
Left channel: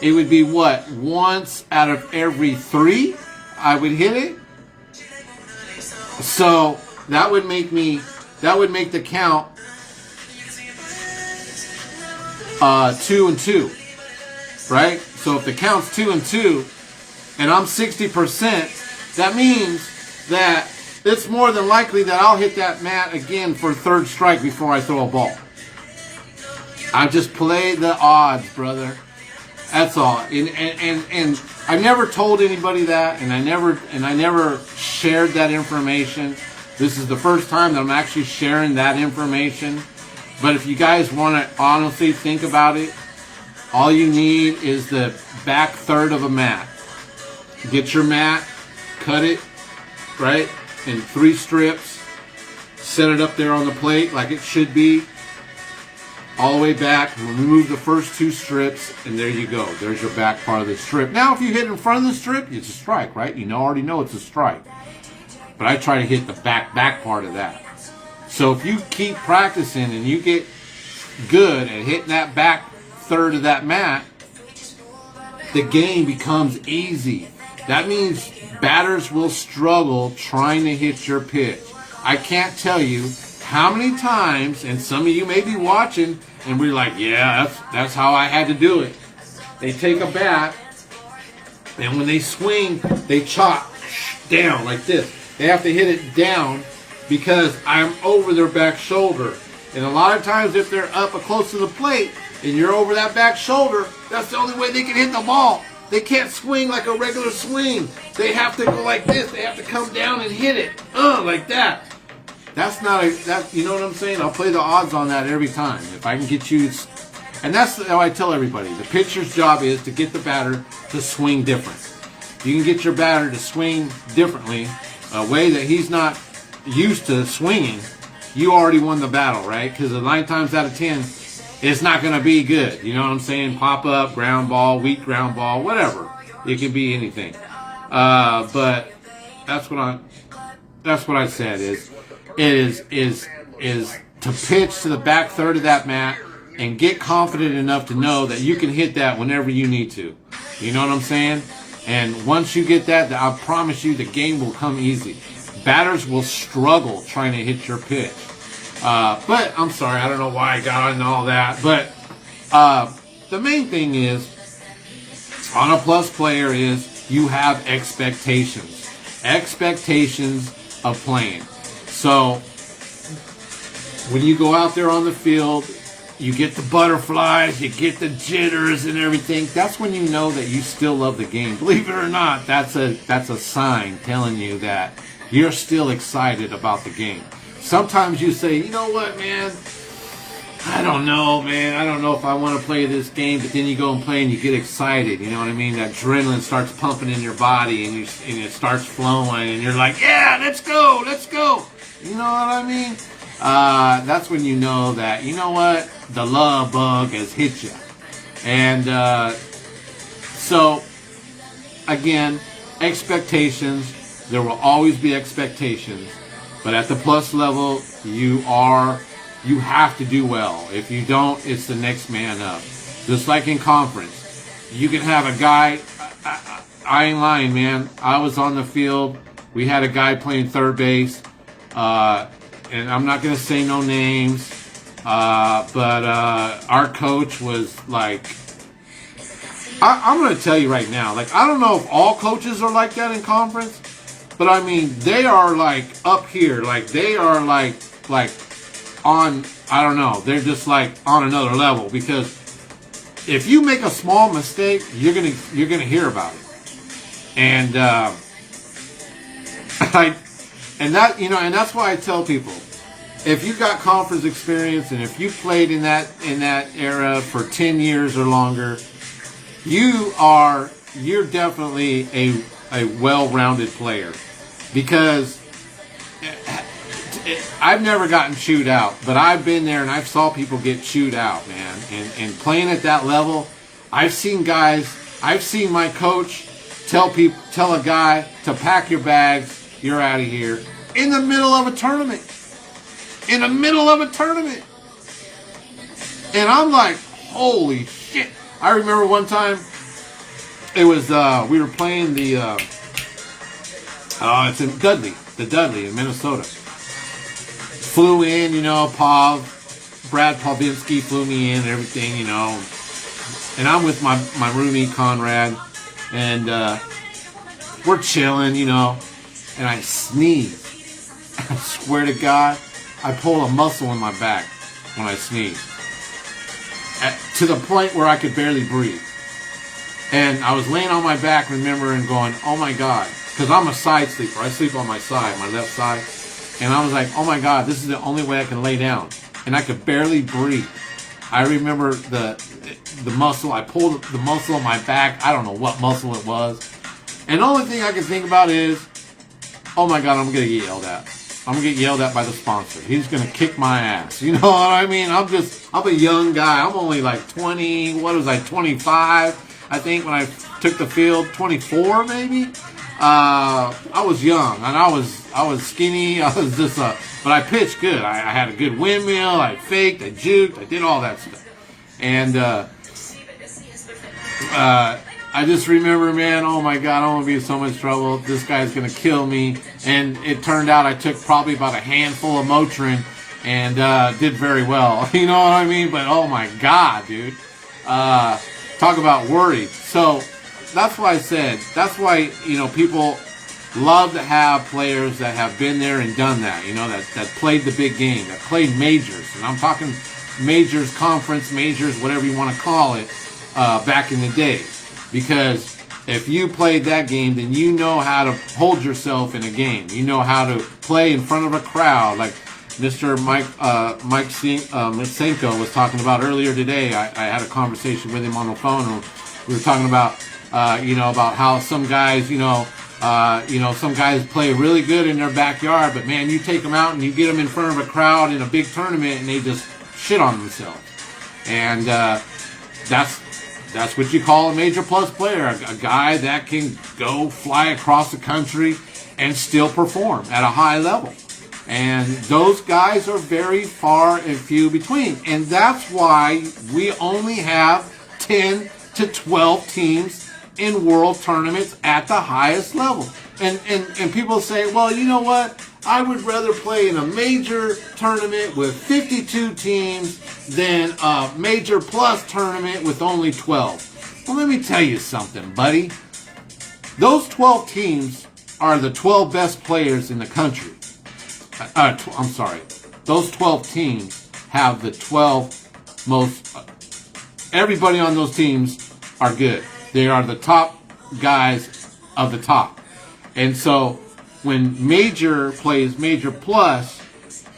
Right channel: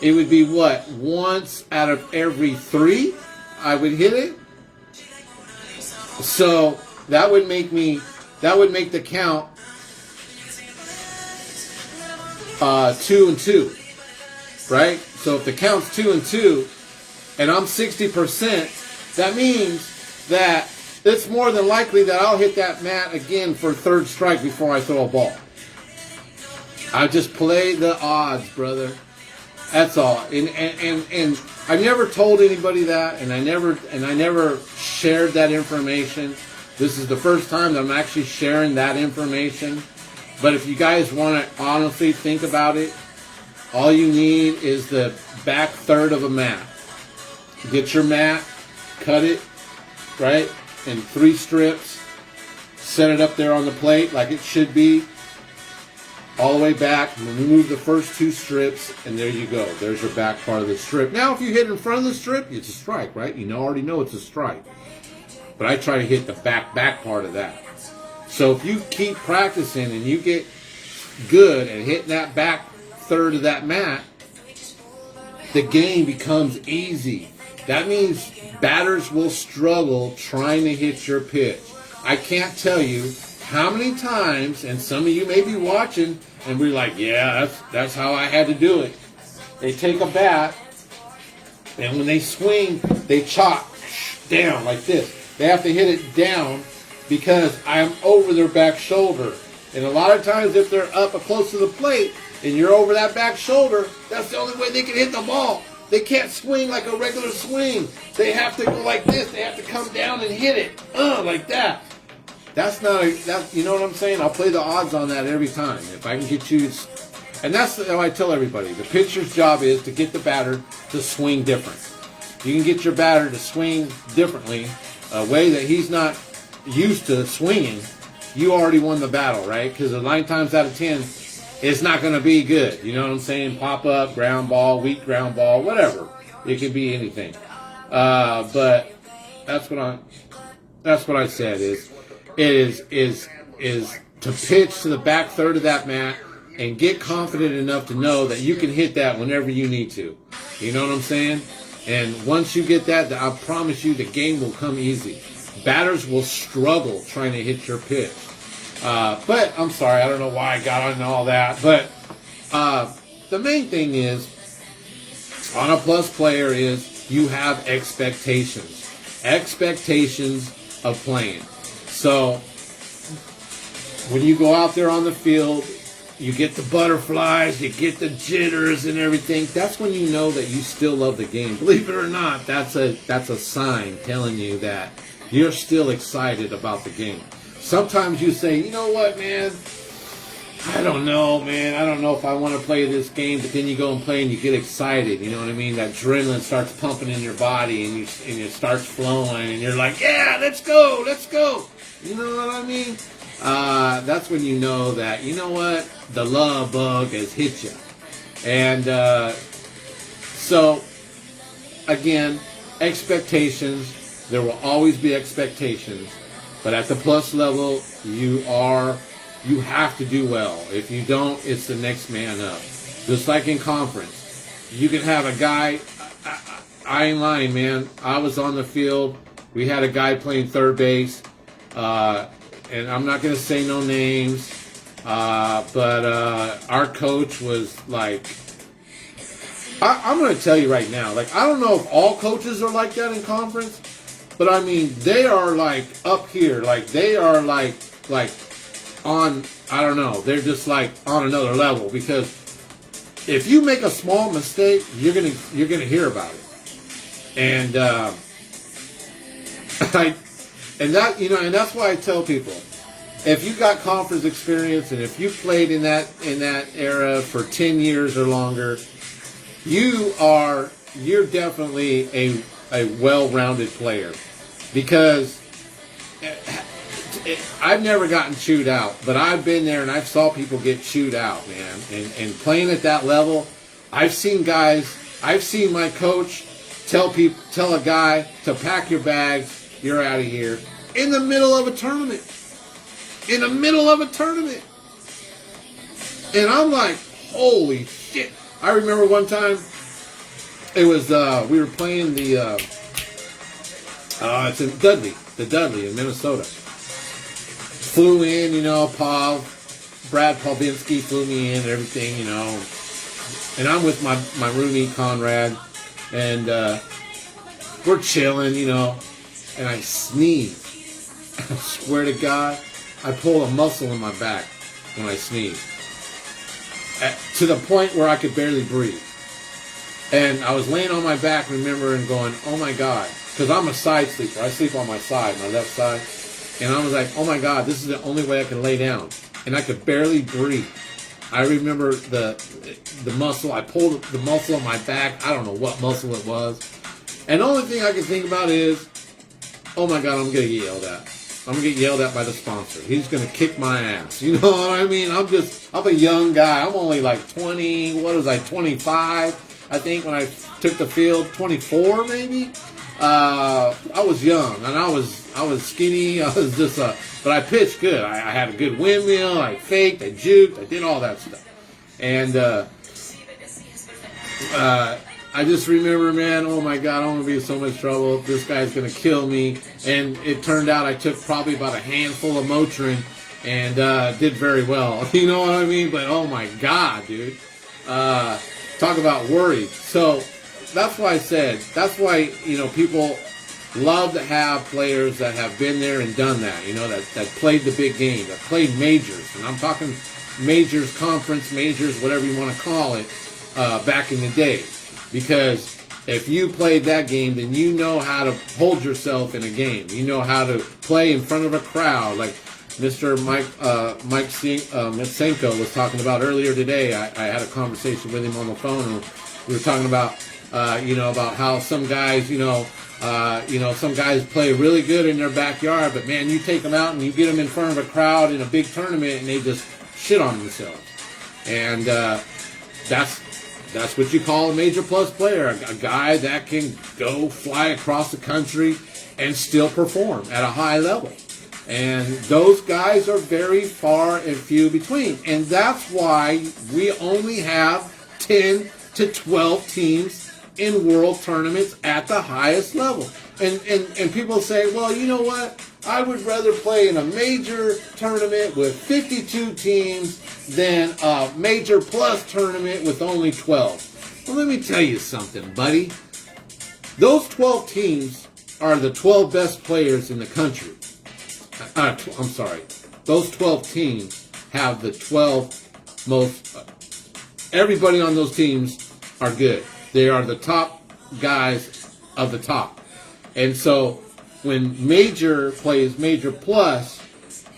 it would be what? Once out of every 3 I would hit it. So that would make the count 2 and 2, right? So if the count's 2 and 2, and I'm 60%, that means that it's more than likely that I'll hit that mat again for 3rd strike before I throw a ball. I just play the odds, brother. That's all. And I never told anybody that, and I never shared that information. This is the first time that I'm actually sharing that information. But if you guys want to honestly think about it, all you need is the back third of a mat. Get your mat, cut it, right, in 3 strips, set it up there on the plate like it should be, all the way back, remove the first 2 strips, and there you go. There's your back part of the strip. Now, if you hit in front of the strip, it's a strike, right? You already know it's a strike. But I try to hit the back part of that. So if you keep practicing and you get good at hitting that back third of that mat, the game becomes easy. That means batters will struggle trying to hit your pitch. I can't tell you how many times, and some of you may be watching and be like, yeah, that's how I had to do it. They take a bat, and when they swing, they chop down like this. They have to hit it down because I'm over their back shoulder. And a lot of times if they're up close to the plate and you're over that back shoulder, that's the only way they can hit the ball. They can't swing like a regular swing. They have to go like this. They have to come down and hit it. Like that. That's not you know what I'm saying? I'll play the odds on that every time. If I can get you, and that's how I tell everybody. The pitcher's job is to get the batter to swing different. You can get your batter to swing differently, a way that he's not used to swinging. You already won the battle, right? Because 9 times out of 10, it's not going to be good. You know what I'm saying? Pop up, ground ball, weak ground ball, whatever. It can be anything. But that's what I said is to pitch to the back third of that mat and get confident enough to know that you can hit that whenever you need to. You know what I'm saying? And once you get that, I promise you the game will come easy. Batters will struggle trying to hit your pitch. But I'm sorry, I don't know why I got into all that. But the main thing is, on a plus player is you have expectations. Expectations of playing. So when you go out there on the field, you get the butterflies, you get the jitters and everything. That's when you know that you still love the game. Believe it or not, that's a sign telling you that you're still excited about the game. Sometimes you say, you know what, man? I don't know, man. I don't know if I want to play this game. But then you go and play and you get excited. You know what I mean? That adrenaline starts pumping in your body and it starts flowing. And you're like, yeah, let's go, let's go. You know what I mean? That's when you know that, you know what? The love bug has hit you. And so, again, expectations. There will always be expectations. But at the plus level, you have to do well. If you don't, it's the next man up. Just like in conference. You can have a guy, I ain't lying, man. I was on the field. We had a guy playing third base. And I'm not going to say no names. But our coach was like, I'm going to tell you right now. Like, I don't know if all coaches are like that in conference. But I mean, they are like up here. Like, they are like on, I don't know. They're just like on another level. Because if you make a small mistake, you're gonna hear about it. And and that's why I tell people, if you got conference experience and if you played in that era for 10 years or longer, you're definitely a well-rounded player, because I've never gotten chewed out, but I've been there and I've saw people get chewed out, man. And playing at that level, I've seen my coach tell a guy to pack your bags, you're out of here, in the middle of a tournament. In the middle of a tournament. And I'm like, holy shit. I remember one time, it was, we were playing it's in Dudley in Minnesota. Flew in, Brad Pawlinski flew me in and everything, and I'm with my roomie Conrad, and we're chilling, and I sneeze. I swear to God, I pull a muscle in my back when I sneeze, to the point where I could barely breathe. And I was laying on my back, remember, and going, oh my God, because I'm a side sleeper. I sleep on my side, my left side. And I was like, oh my God, this is the only way I can lay down. And I could barely breathe. I remember the muscle. I pulled the muscle on my back. I don't know what muscle it was. And the only thing I can think about is, oh my God, I'm going to get yelled at. I'm going to get yelled at by the sponsor. He's going to kick my ass. You know what I mean? I'm a young guy. I'm only like 25, I think, when I took the field. 24 maybe? I was young, and I was skinny. I was just but I pitched good. I had a good windmill. I faked, I juked, I did all that stuff. And I just remember, man, oh my God, I'm going to be in so much trouble. This guy's going to kill me. And it turned out I took probably about a handful of Motrin and did very well. You know what I mean? But oh my God, dude. Talk about worried. So that's why I said, that's why, people love to have players that have been there and done that, that played the big game, that played majors. And I'm talking majors, conference majors, whatever you want to call it, back in the day. Because if you played that game, then you know how to hold yourself in a game. You know how to play in front of a crowd, like Mr. Mike Mitsenko was talking about earlier today. I had a conversation with him on the phone, and we were talking about, about how some guys, some guys play really good in their backyard, but man, you take them out and you get them in front of a crowd in a big tournament, and they just shit on themselves. And that's what you call a major plus player, a guy that can go fly across the country and still perform at a high level. And those guys are very far and few between. And that's why we only have 10 to 12 teams in world tournaments at the highest level. And people say, well, you know what? I would rather play in a major tournament with 52 teams than a major plus tournament with only 12. Well, let me tell you something, buddy. Those 12 teams are the 12 best players in the country. I'm sorry. Those 12 teams have the 12 most... everybody on those teams are good. They are the top guys of the top. And so when major plays major plus,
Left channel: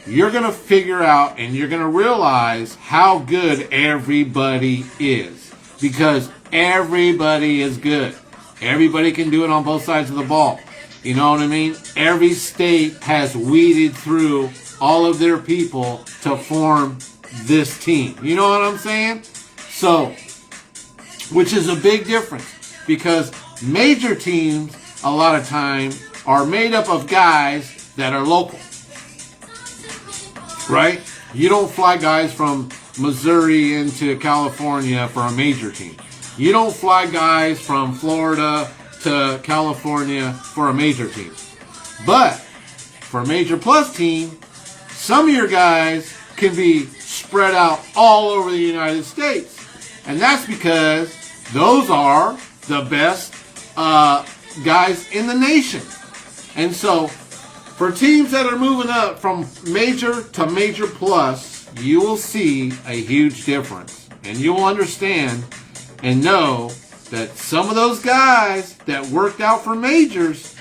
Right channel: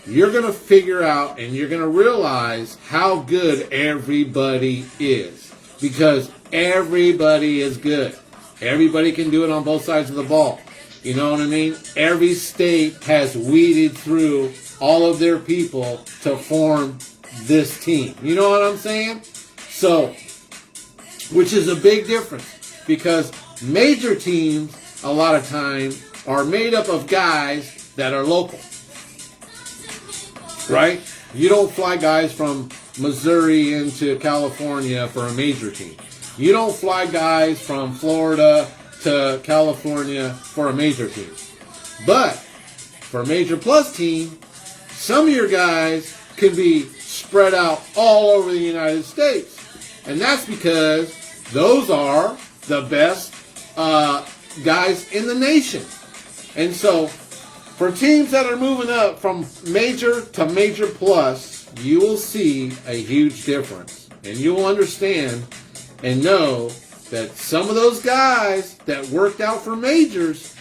you're going to figure out and you're going to realize how good everybody is. Because everybody is good. Everybody can do it on both sides of the ball. You know what I mean? Every state has weeded through all of their people to form this team. You know what I'm saying? So, which is a big difference. Because major teams, a lot of time, are made up of guys that are local. Right? You don't fly guys from Missouri into California for a major team. You don't fly guys from Florida to California for a major team. But for a major plus team, some of your guys can be spread out all over the United States. And that's because those are the best guys in the nation. And so for teams that are moving up from major to major plus, you will see a huge difference. And you'll understand and know that some of those guys that worked out for majors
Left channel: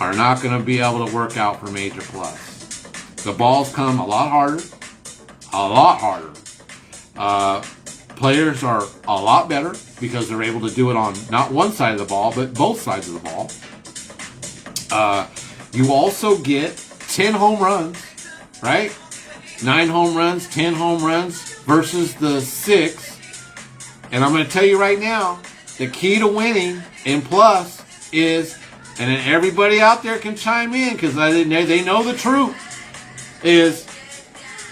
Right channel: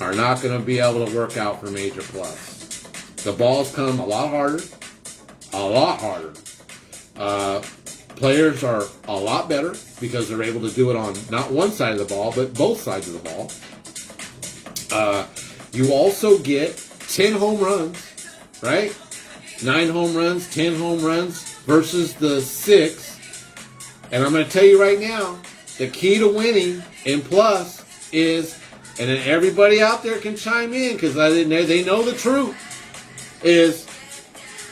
are not going to be able to work out for major plus. The balls come a lot harder. A lot harder. Players are a lot better because they're able to do it on not one side of the ball, but both sides of the ball. You also get 10 home runs, right? 9 home runs, 10 home runs versus the 6. And I'm going to tell you right now, the key to winning in plus is, and then everybody out there can chime in because they know the truth, is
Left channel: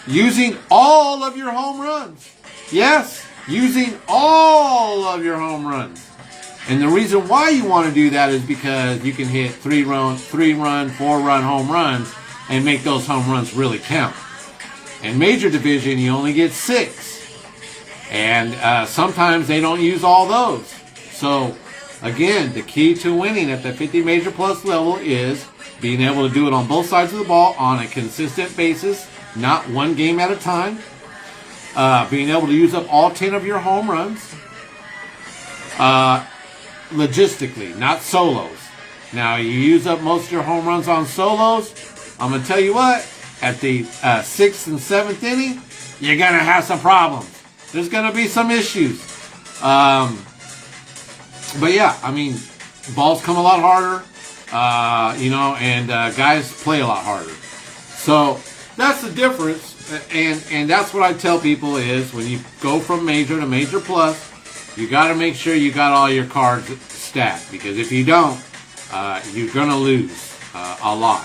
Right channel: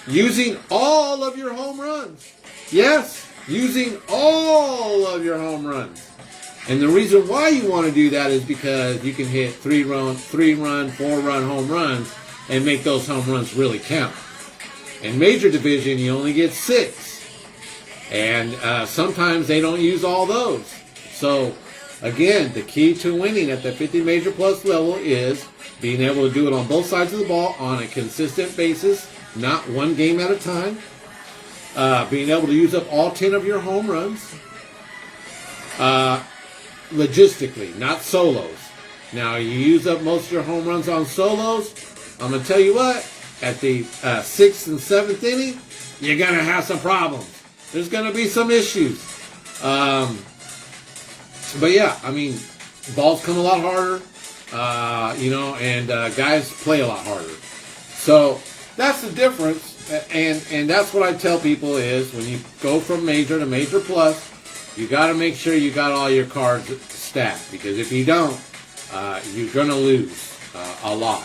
using all of your home runs. Yes, using all of your home runs. And the reason why you want to do that is because you can hit 3-run, 4-run home runs and make those home runs really count. In Major Division, you only get 6. And sometimes they don't use all those. So, again, the key to winning at the 50 Major Plus level is being able to do it on both sides of the ball on a consistent basis, not one game at a time. Being able to use up all 10 of your home runs. Logistically, not solos. Now, you use up most of your home runs on solos. I'm going to tell you what, at the 6th and 7th inning, you're going to have some problems. There's going to be some issues. But yeah, I mean, balls come a lot harder, and guys play a lot harder. So that's the difference. And that's what I tell people is when you go from Major to Major Plus, you got to make sure you got all your cards stacked. Because if you don't, you're going to lose a lot.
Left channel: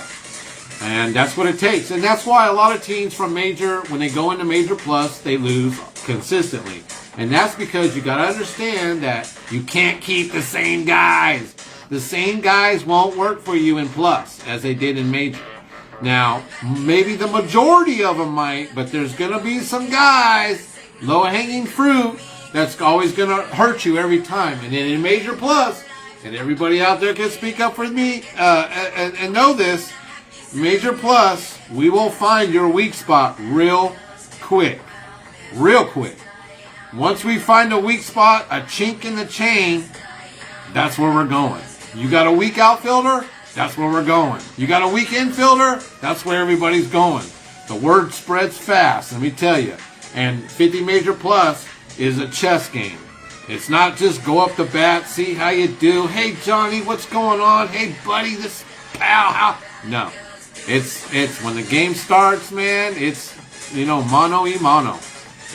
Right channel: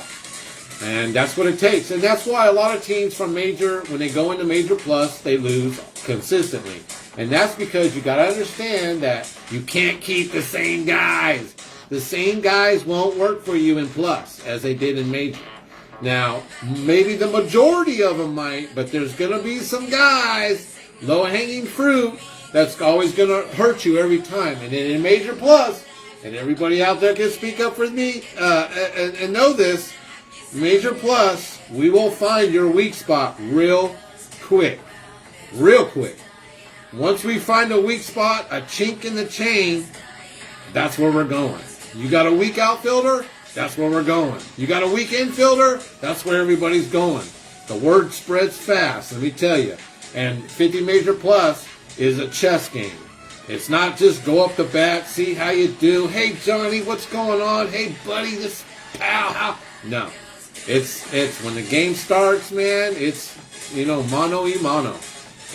And that's what it takes. And that's why a lot of teams from Major, when they go into Major Plus, they lose consistently. And that's because you got to understand that you can't keep the same guys. The same guys won't work for you in Plus as they did in Major. Now, maybe the majority of them might, but there's going to be some guys, low-hanging fruit, that's always going to hurt you every time. And then in Major Plus, and everybody out there can speak up for me and know this, Major Plus, we will find your weak spot real quick. Real quick. Once we find a weak spot, a chink in the chain, that's where we're going. You got a weak outfielder? That's where we're going. You got a weak infielder? That's where everybody's going. The word spreads fast, let me tell you. And 50 Major Plus is a chess game. It's not just go up the bat, see how you do. Hey, Johnny, what's going on? Hey, buddy, this pal, how? No. It's when the game starts, man, it's, mano y mano.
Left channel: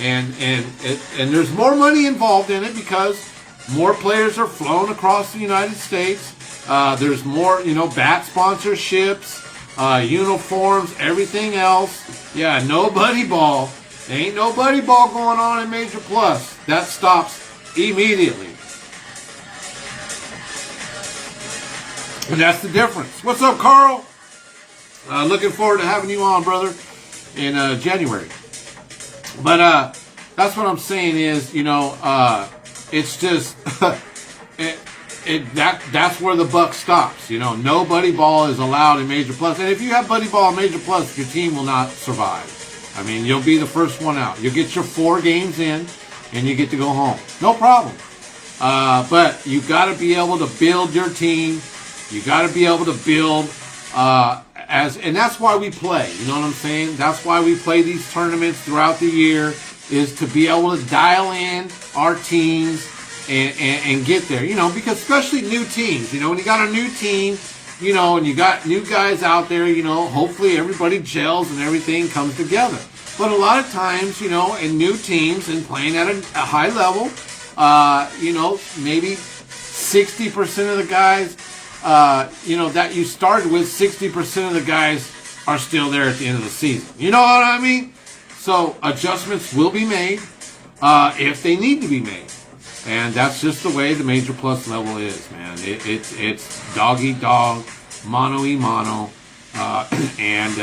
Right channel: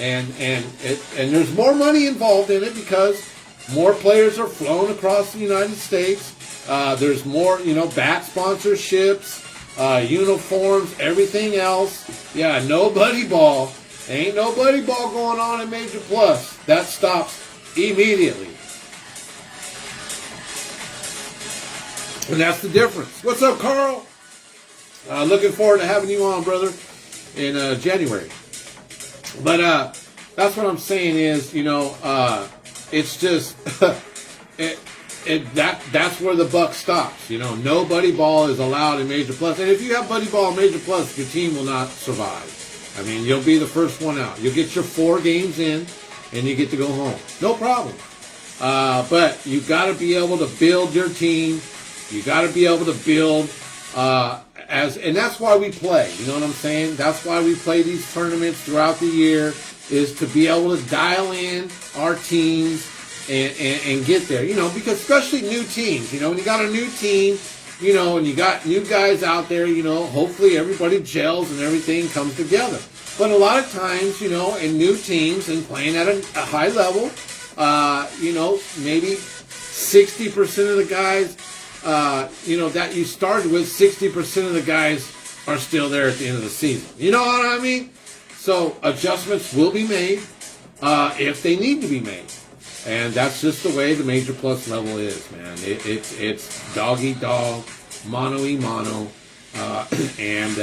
And there's more money involved in it because more players are flown across the United States. There's more, bat sponsorships, uniforms, everything else. Yeah, no buddy ball. Ain't no buddy ball going on in Major Plus. That stops immediately. And that's the difference. What's up, Carl? Looking forward to having you on, brother, in January. But that's what I'm saying is, it's just that's where the buck stops. No buddy ball is allowed in Major Plus. And if you have buddy ball in Major Plus, your team will not survive. I mean, you'll be the first one out. You'll get your 4 games in, and you get to go home. No problem. But you got to be able to build your team. You got to be able to build and that's why we play. You know what I'm saying? That's why we play these tournaments throughout the year, is to be able to dial in our teams and get there. Because especially new teams, when you got a new team, and you got new guys out there, hopefully everybody gels and everything comes together. But a lot of times, in new teams and playing at a high level, maybe 60% of the guys, that you started with, 60% of the guys are still there at the end of the season. You know what I mean? So adjustments will be made if they need to be made. And that's just the way the Major Plus level is, man. It's dog eat dog, mano y mano, and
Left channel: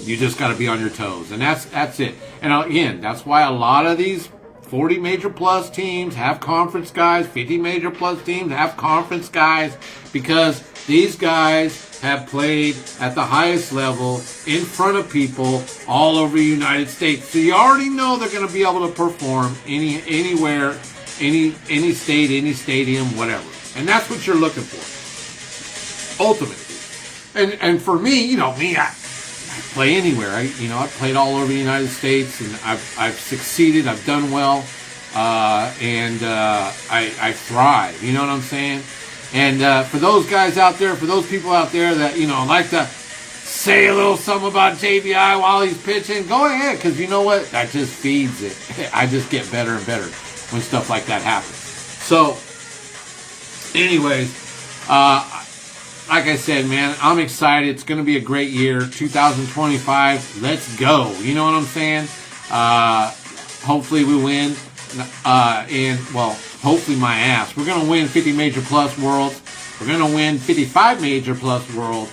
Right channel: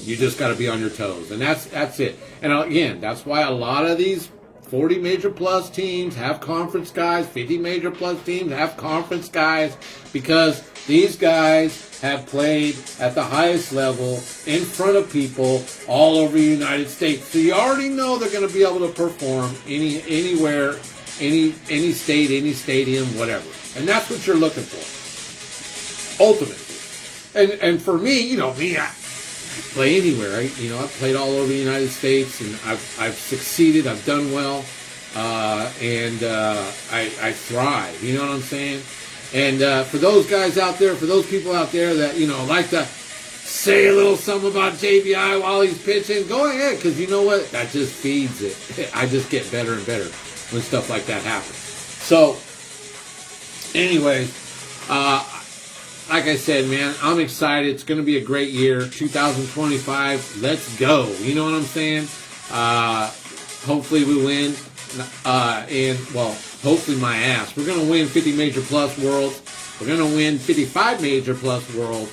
you just got to be on your toes. And that's it. And again, that's why a lot of these 40 Major Plus teams have conference guys, 50 Major Plus teams have conference guys, because these guys have played at the highest level in front of people all over the United States. So you already know they're going to be able to perform anywhere, any state, any stadium, whatever. And that's what you're looking for, ultimately. And for me, play anywhere. I've played all over the United States, and I've succeeded. I've done well, and I thrive. You know what I'm saying? And for those guys out there, for those people out there that like to say a little something about JBI while he's pitching, go ahead, because you know what? That just feeds it. I just get better and better when stuff like that happens. So, anyways, like I said, man, I'm excited. It's going to be a great year. 2025, let's go. You know what I'm saying? Hopefully we win. Hopefully my ass. We're going to win 50 Major Plus Worlds. We're going to win 55 Major Plus Worlds.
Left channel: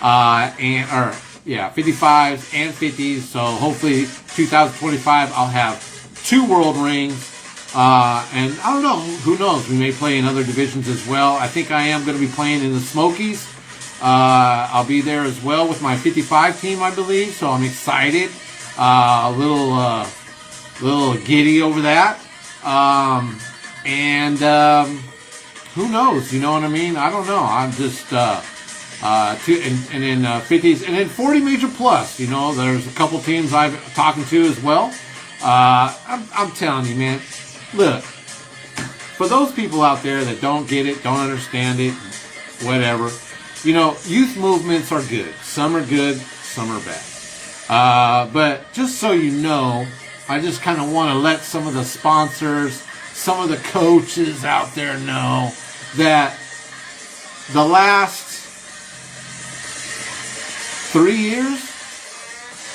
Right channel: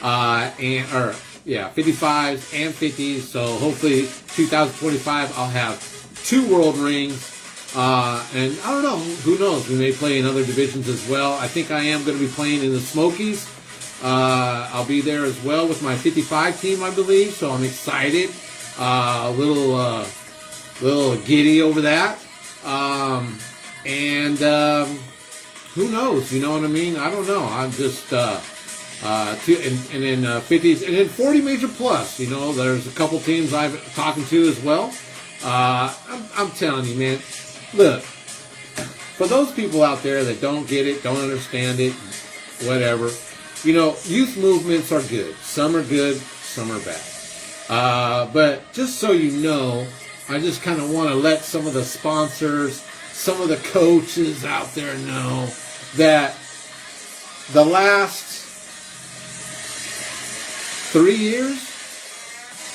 55s and 50s. So hopefully 2025 I'll have 2 world rings. And I don't know, who knows? We may play in other divisions as well. I think I am going to be playing in the Smokies. I'll be there as well with my 55 team, I believe. So I'm excited. A little giddy over that. Who knows? You know what I mean? I don't know. I'm just, and then 50s, and then 40 Major Plus. There's a couple teams I'm talking to as well. I'm telling you, man. Look, for those people out there that don't get it, don't understand it, whatever, youth movements are good. Some are good, some are bad. But just so you know, I just kind of want to let some of the sponsors, some of the coaches out there know that the last 3 years,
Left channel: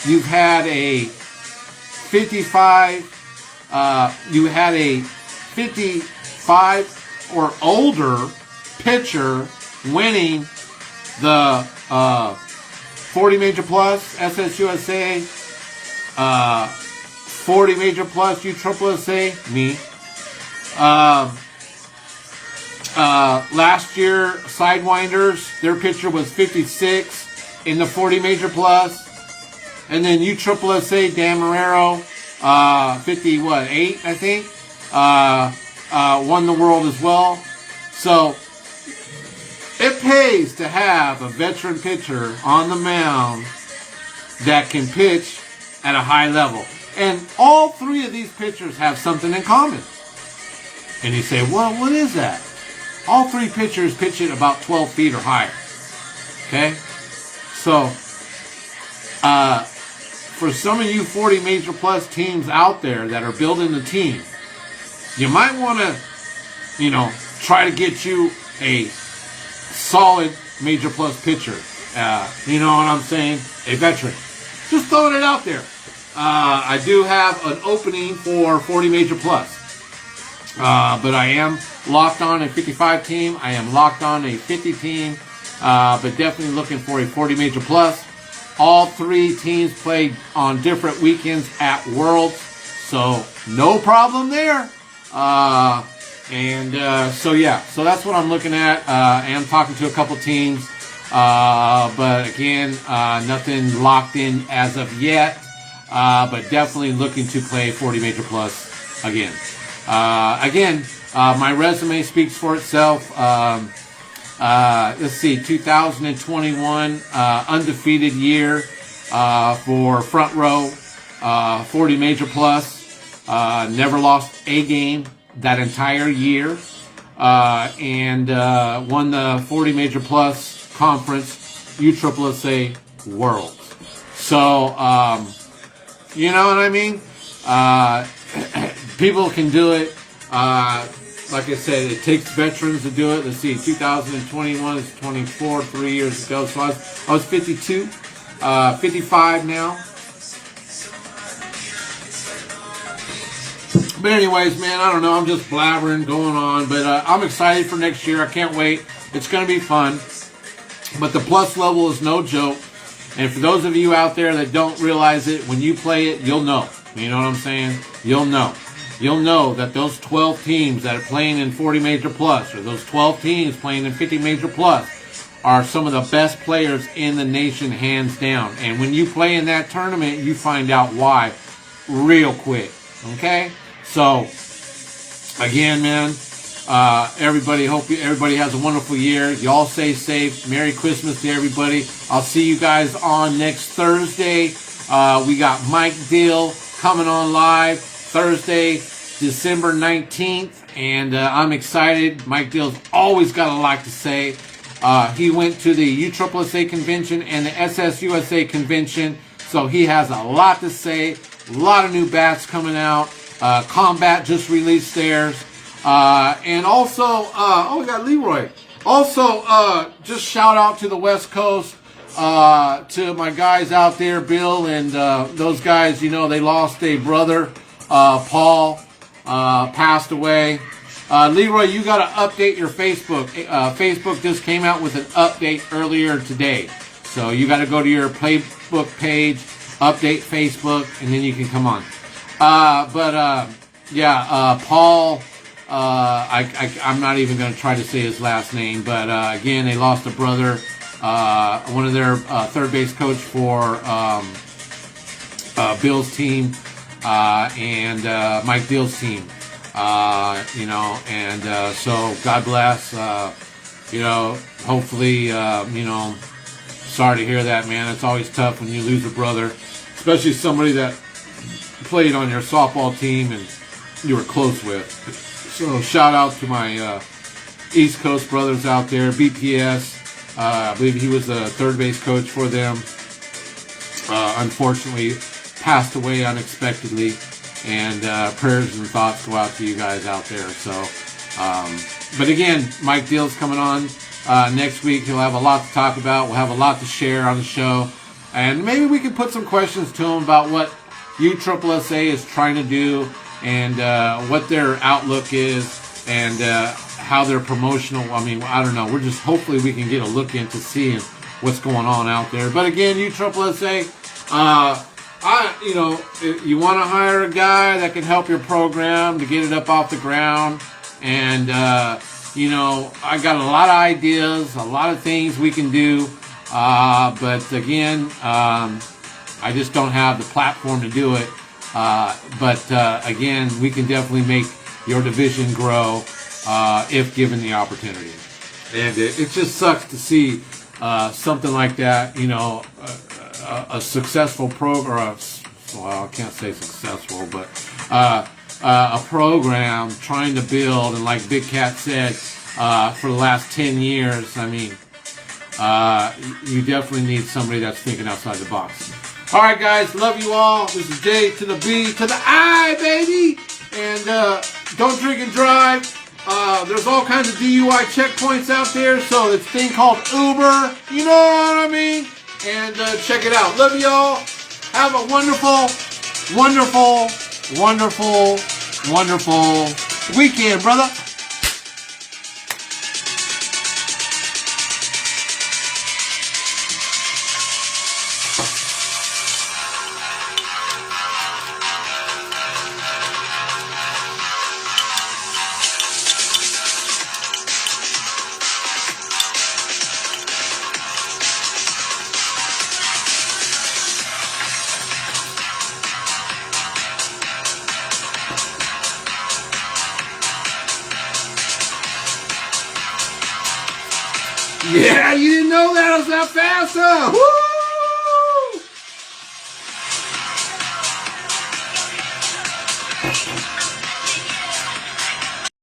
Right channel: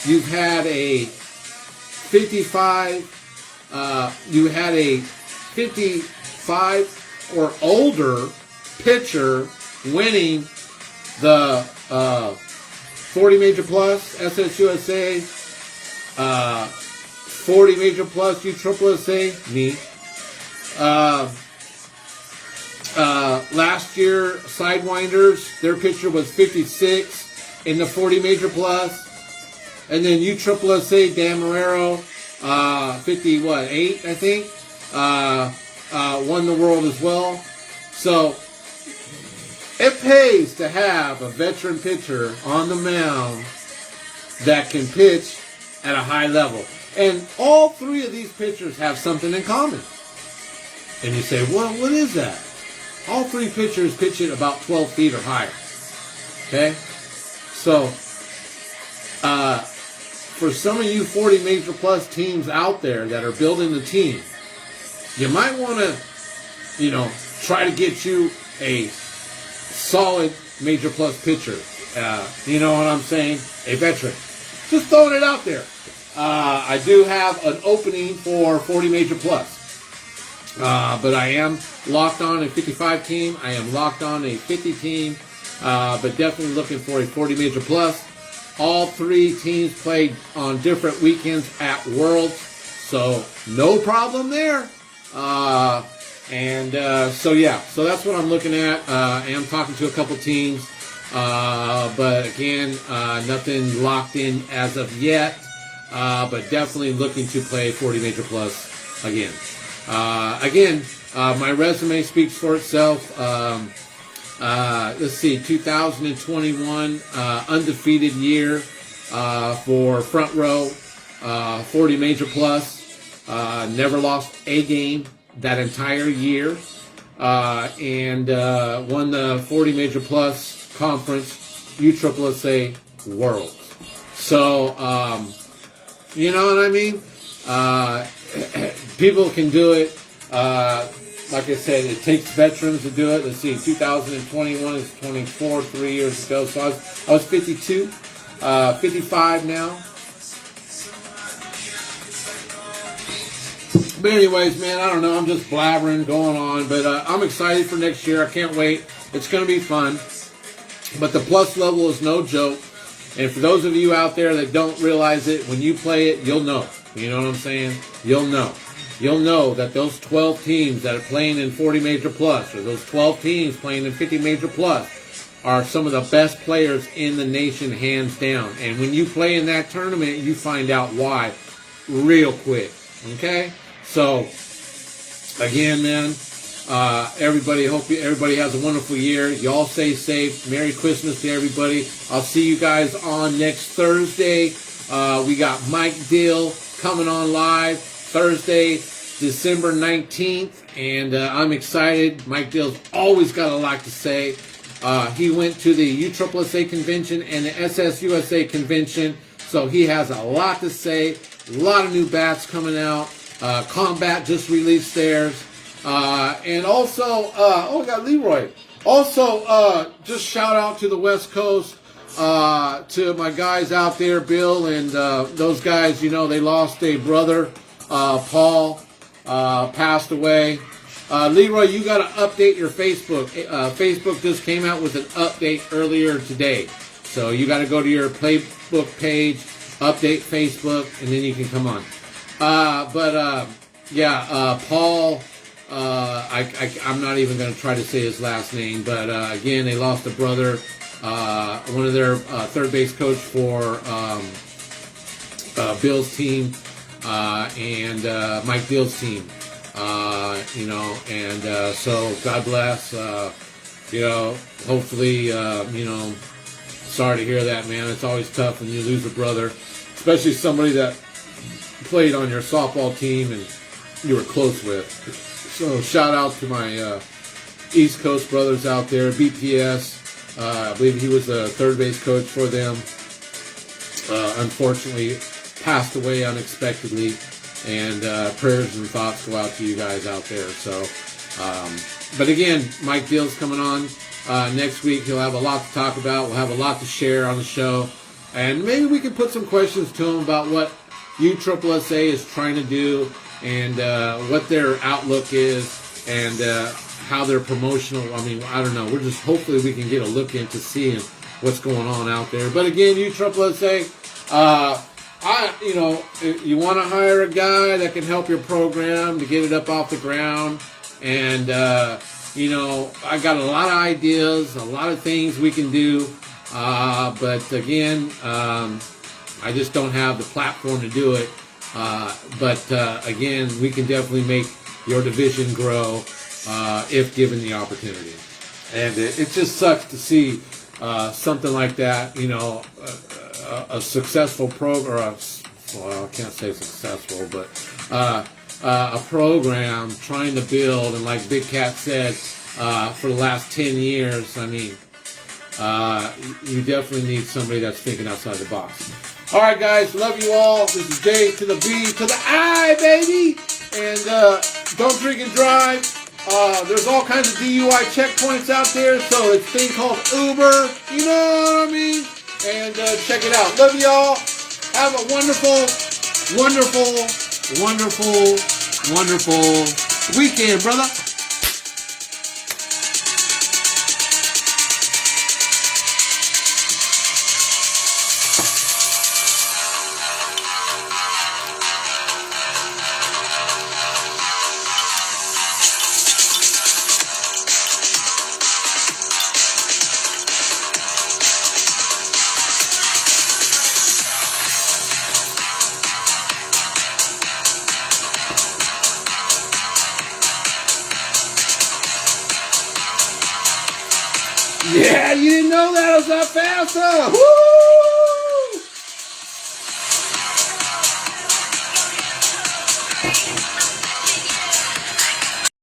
you've had a 55 or older pitcher winning the 40 Major Plus SSUSA, 40 Major Plus USSSA, me. Last year, Sidewinders, their pitcher was 56 in the 40 Major Plus. And then USSSA, Dan Marrero, 58, I think, won the world as well. So it pays to have a veteran pitcher on the mound that can pitch at a high level. And all 3 of these pitchers have something in common. And you say, well, what is that? All 3 pitchers pitch it about 12 feet or higher. Okay? So, for some of you 40 Major Plus teams out there that are building the team, you might want to, try to get you a solid Major Plus pitcher. You know what I'm saying? A veteran. Just throwing it out there. I do have an opening for 40 Major Plus. But I am locked on a 55 team. I am locked on a 50 team. But definitely looking for a 40 Major Plus. All 3 teams played on different weekends at Worlds. So no problem there. So that's what I'm looking at. I am talking to a couple teams. But again, nothing locked in as of yet. But definitely looking to play 40 Major Plus again. My resume speaks for itself. Let's see, 2021, undefeated year, for Front Row, 40 Major Plus, never lost a game that entire year, and won the 40 Major Plus Conference, USSSA Worlds. So, you know what I mean? People can do it. Like I said, it takes veterans to do it. Let's see, 2021 is 24, 3 years ago. So I was 52, 55 now. But anyways, man, I don't know. I'm just blabbering, going on. But I'm excited for next year. I can't wait. It's going to be fun. But the plus level is no joke. And for those of you out there that don't realize it, when you play it, you'll know. You know what I'm saying? You'll know. You'll know that those 12 teams that are playing in 40 Major Plus, or those 12 teams playing in 50 Major Plus, are some of the best players in the nation, hands down. And when you play in that tournament, you find out why real quick. Okay? So, again, man, Everybody, hope everybody has a wonderful year. Y'all stay safe. Merry Christmas to everybody. I'll see you guys on next Thursday. We got Mike Dill coming on live Thursday, December 19th. And I'm excited. Mike Dill's always got a lot to say. He went to the USSSA convention and the SSUSA convention. So he has a lot to say. A lot of new bats coming out. Combat just released theirs. And also, we got Leroy. Also, just shout out to the West Coast, to my guys out there, Bill, and those guys, you know, they lost a brother, Paul, passed away. Leroy, you got to update your Facebook. Facebook just came out with an update earlier today. So you got to go to your Facebook page, update Facebook, and then you can come on. Paul, I'm not even going to try to say his last name, but again, they lost a brother, one of their third base coach for Bill's team, and Mike Dill's team. So God bless. Hopefully, sorry to hear that, man. It's always tough when you lose a brother, especially somebody that played on your softball team and you were close with. So shout out to my East Coast brothers out there, BPS. I believe he was the third base coach for them. Unfortunately, passed away unexpectedly. And prayers and thoughts go out to you guys out there. So, but again, Mike Dill's coming on next week. He'll have a lot to talk about. We'll have a lot to share on the show. And maybe we can put some questions to him about what USSSA is trying to do and what their outlook is and how their promotional, I don't know. We're just, hopefully we can get a look into seeing what's going on out there. But again, USSSA, if you want to hire a guy that can help your program to get it up off the ground. And, I got a lot of ideas, a lot of things we can do. But again, I just don't have the platform to do it. Again, we can definitely make your division grow if given the opportunity. And it just sucks to see something like that, a successful program, I can't say successful, but a program trying to build, and like Big Cat said, for the last 10 years, you definitely need somebody that's thinking outside the box. All right, guys, love you all. This is J to the B to the I, baby. And don't drink and drive. There's all kinds of DUI checkpoints out there. So it's a thing called Uber. You know what I mean? And check it out. Love y'all. Have a wonderful, wonderful, wonderful, wonderful weekend, brother. Yeah, you didn't know that was that fast, huh? Woo!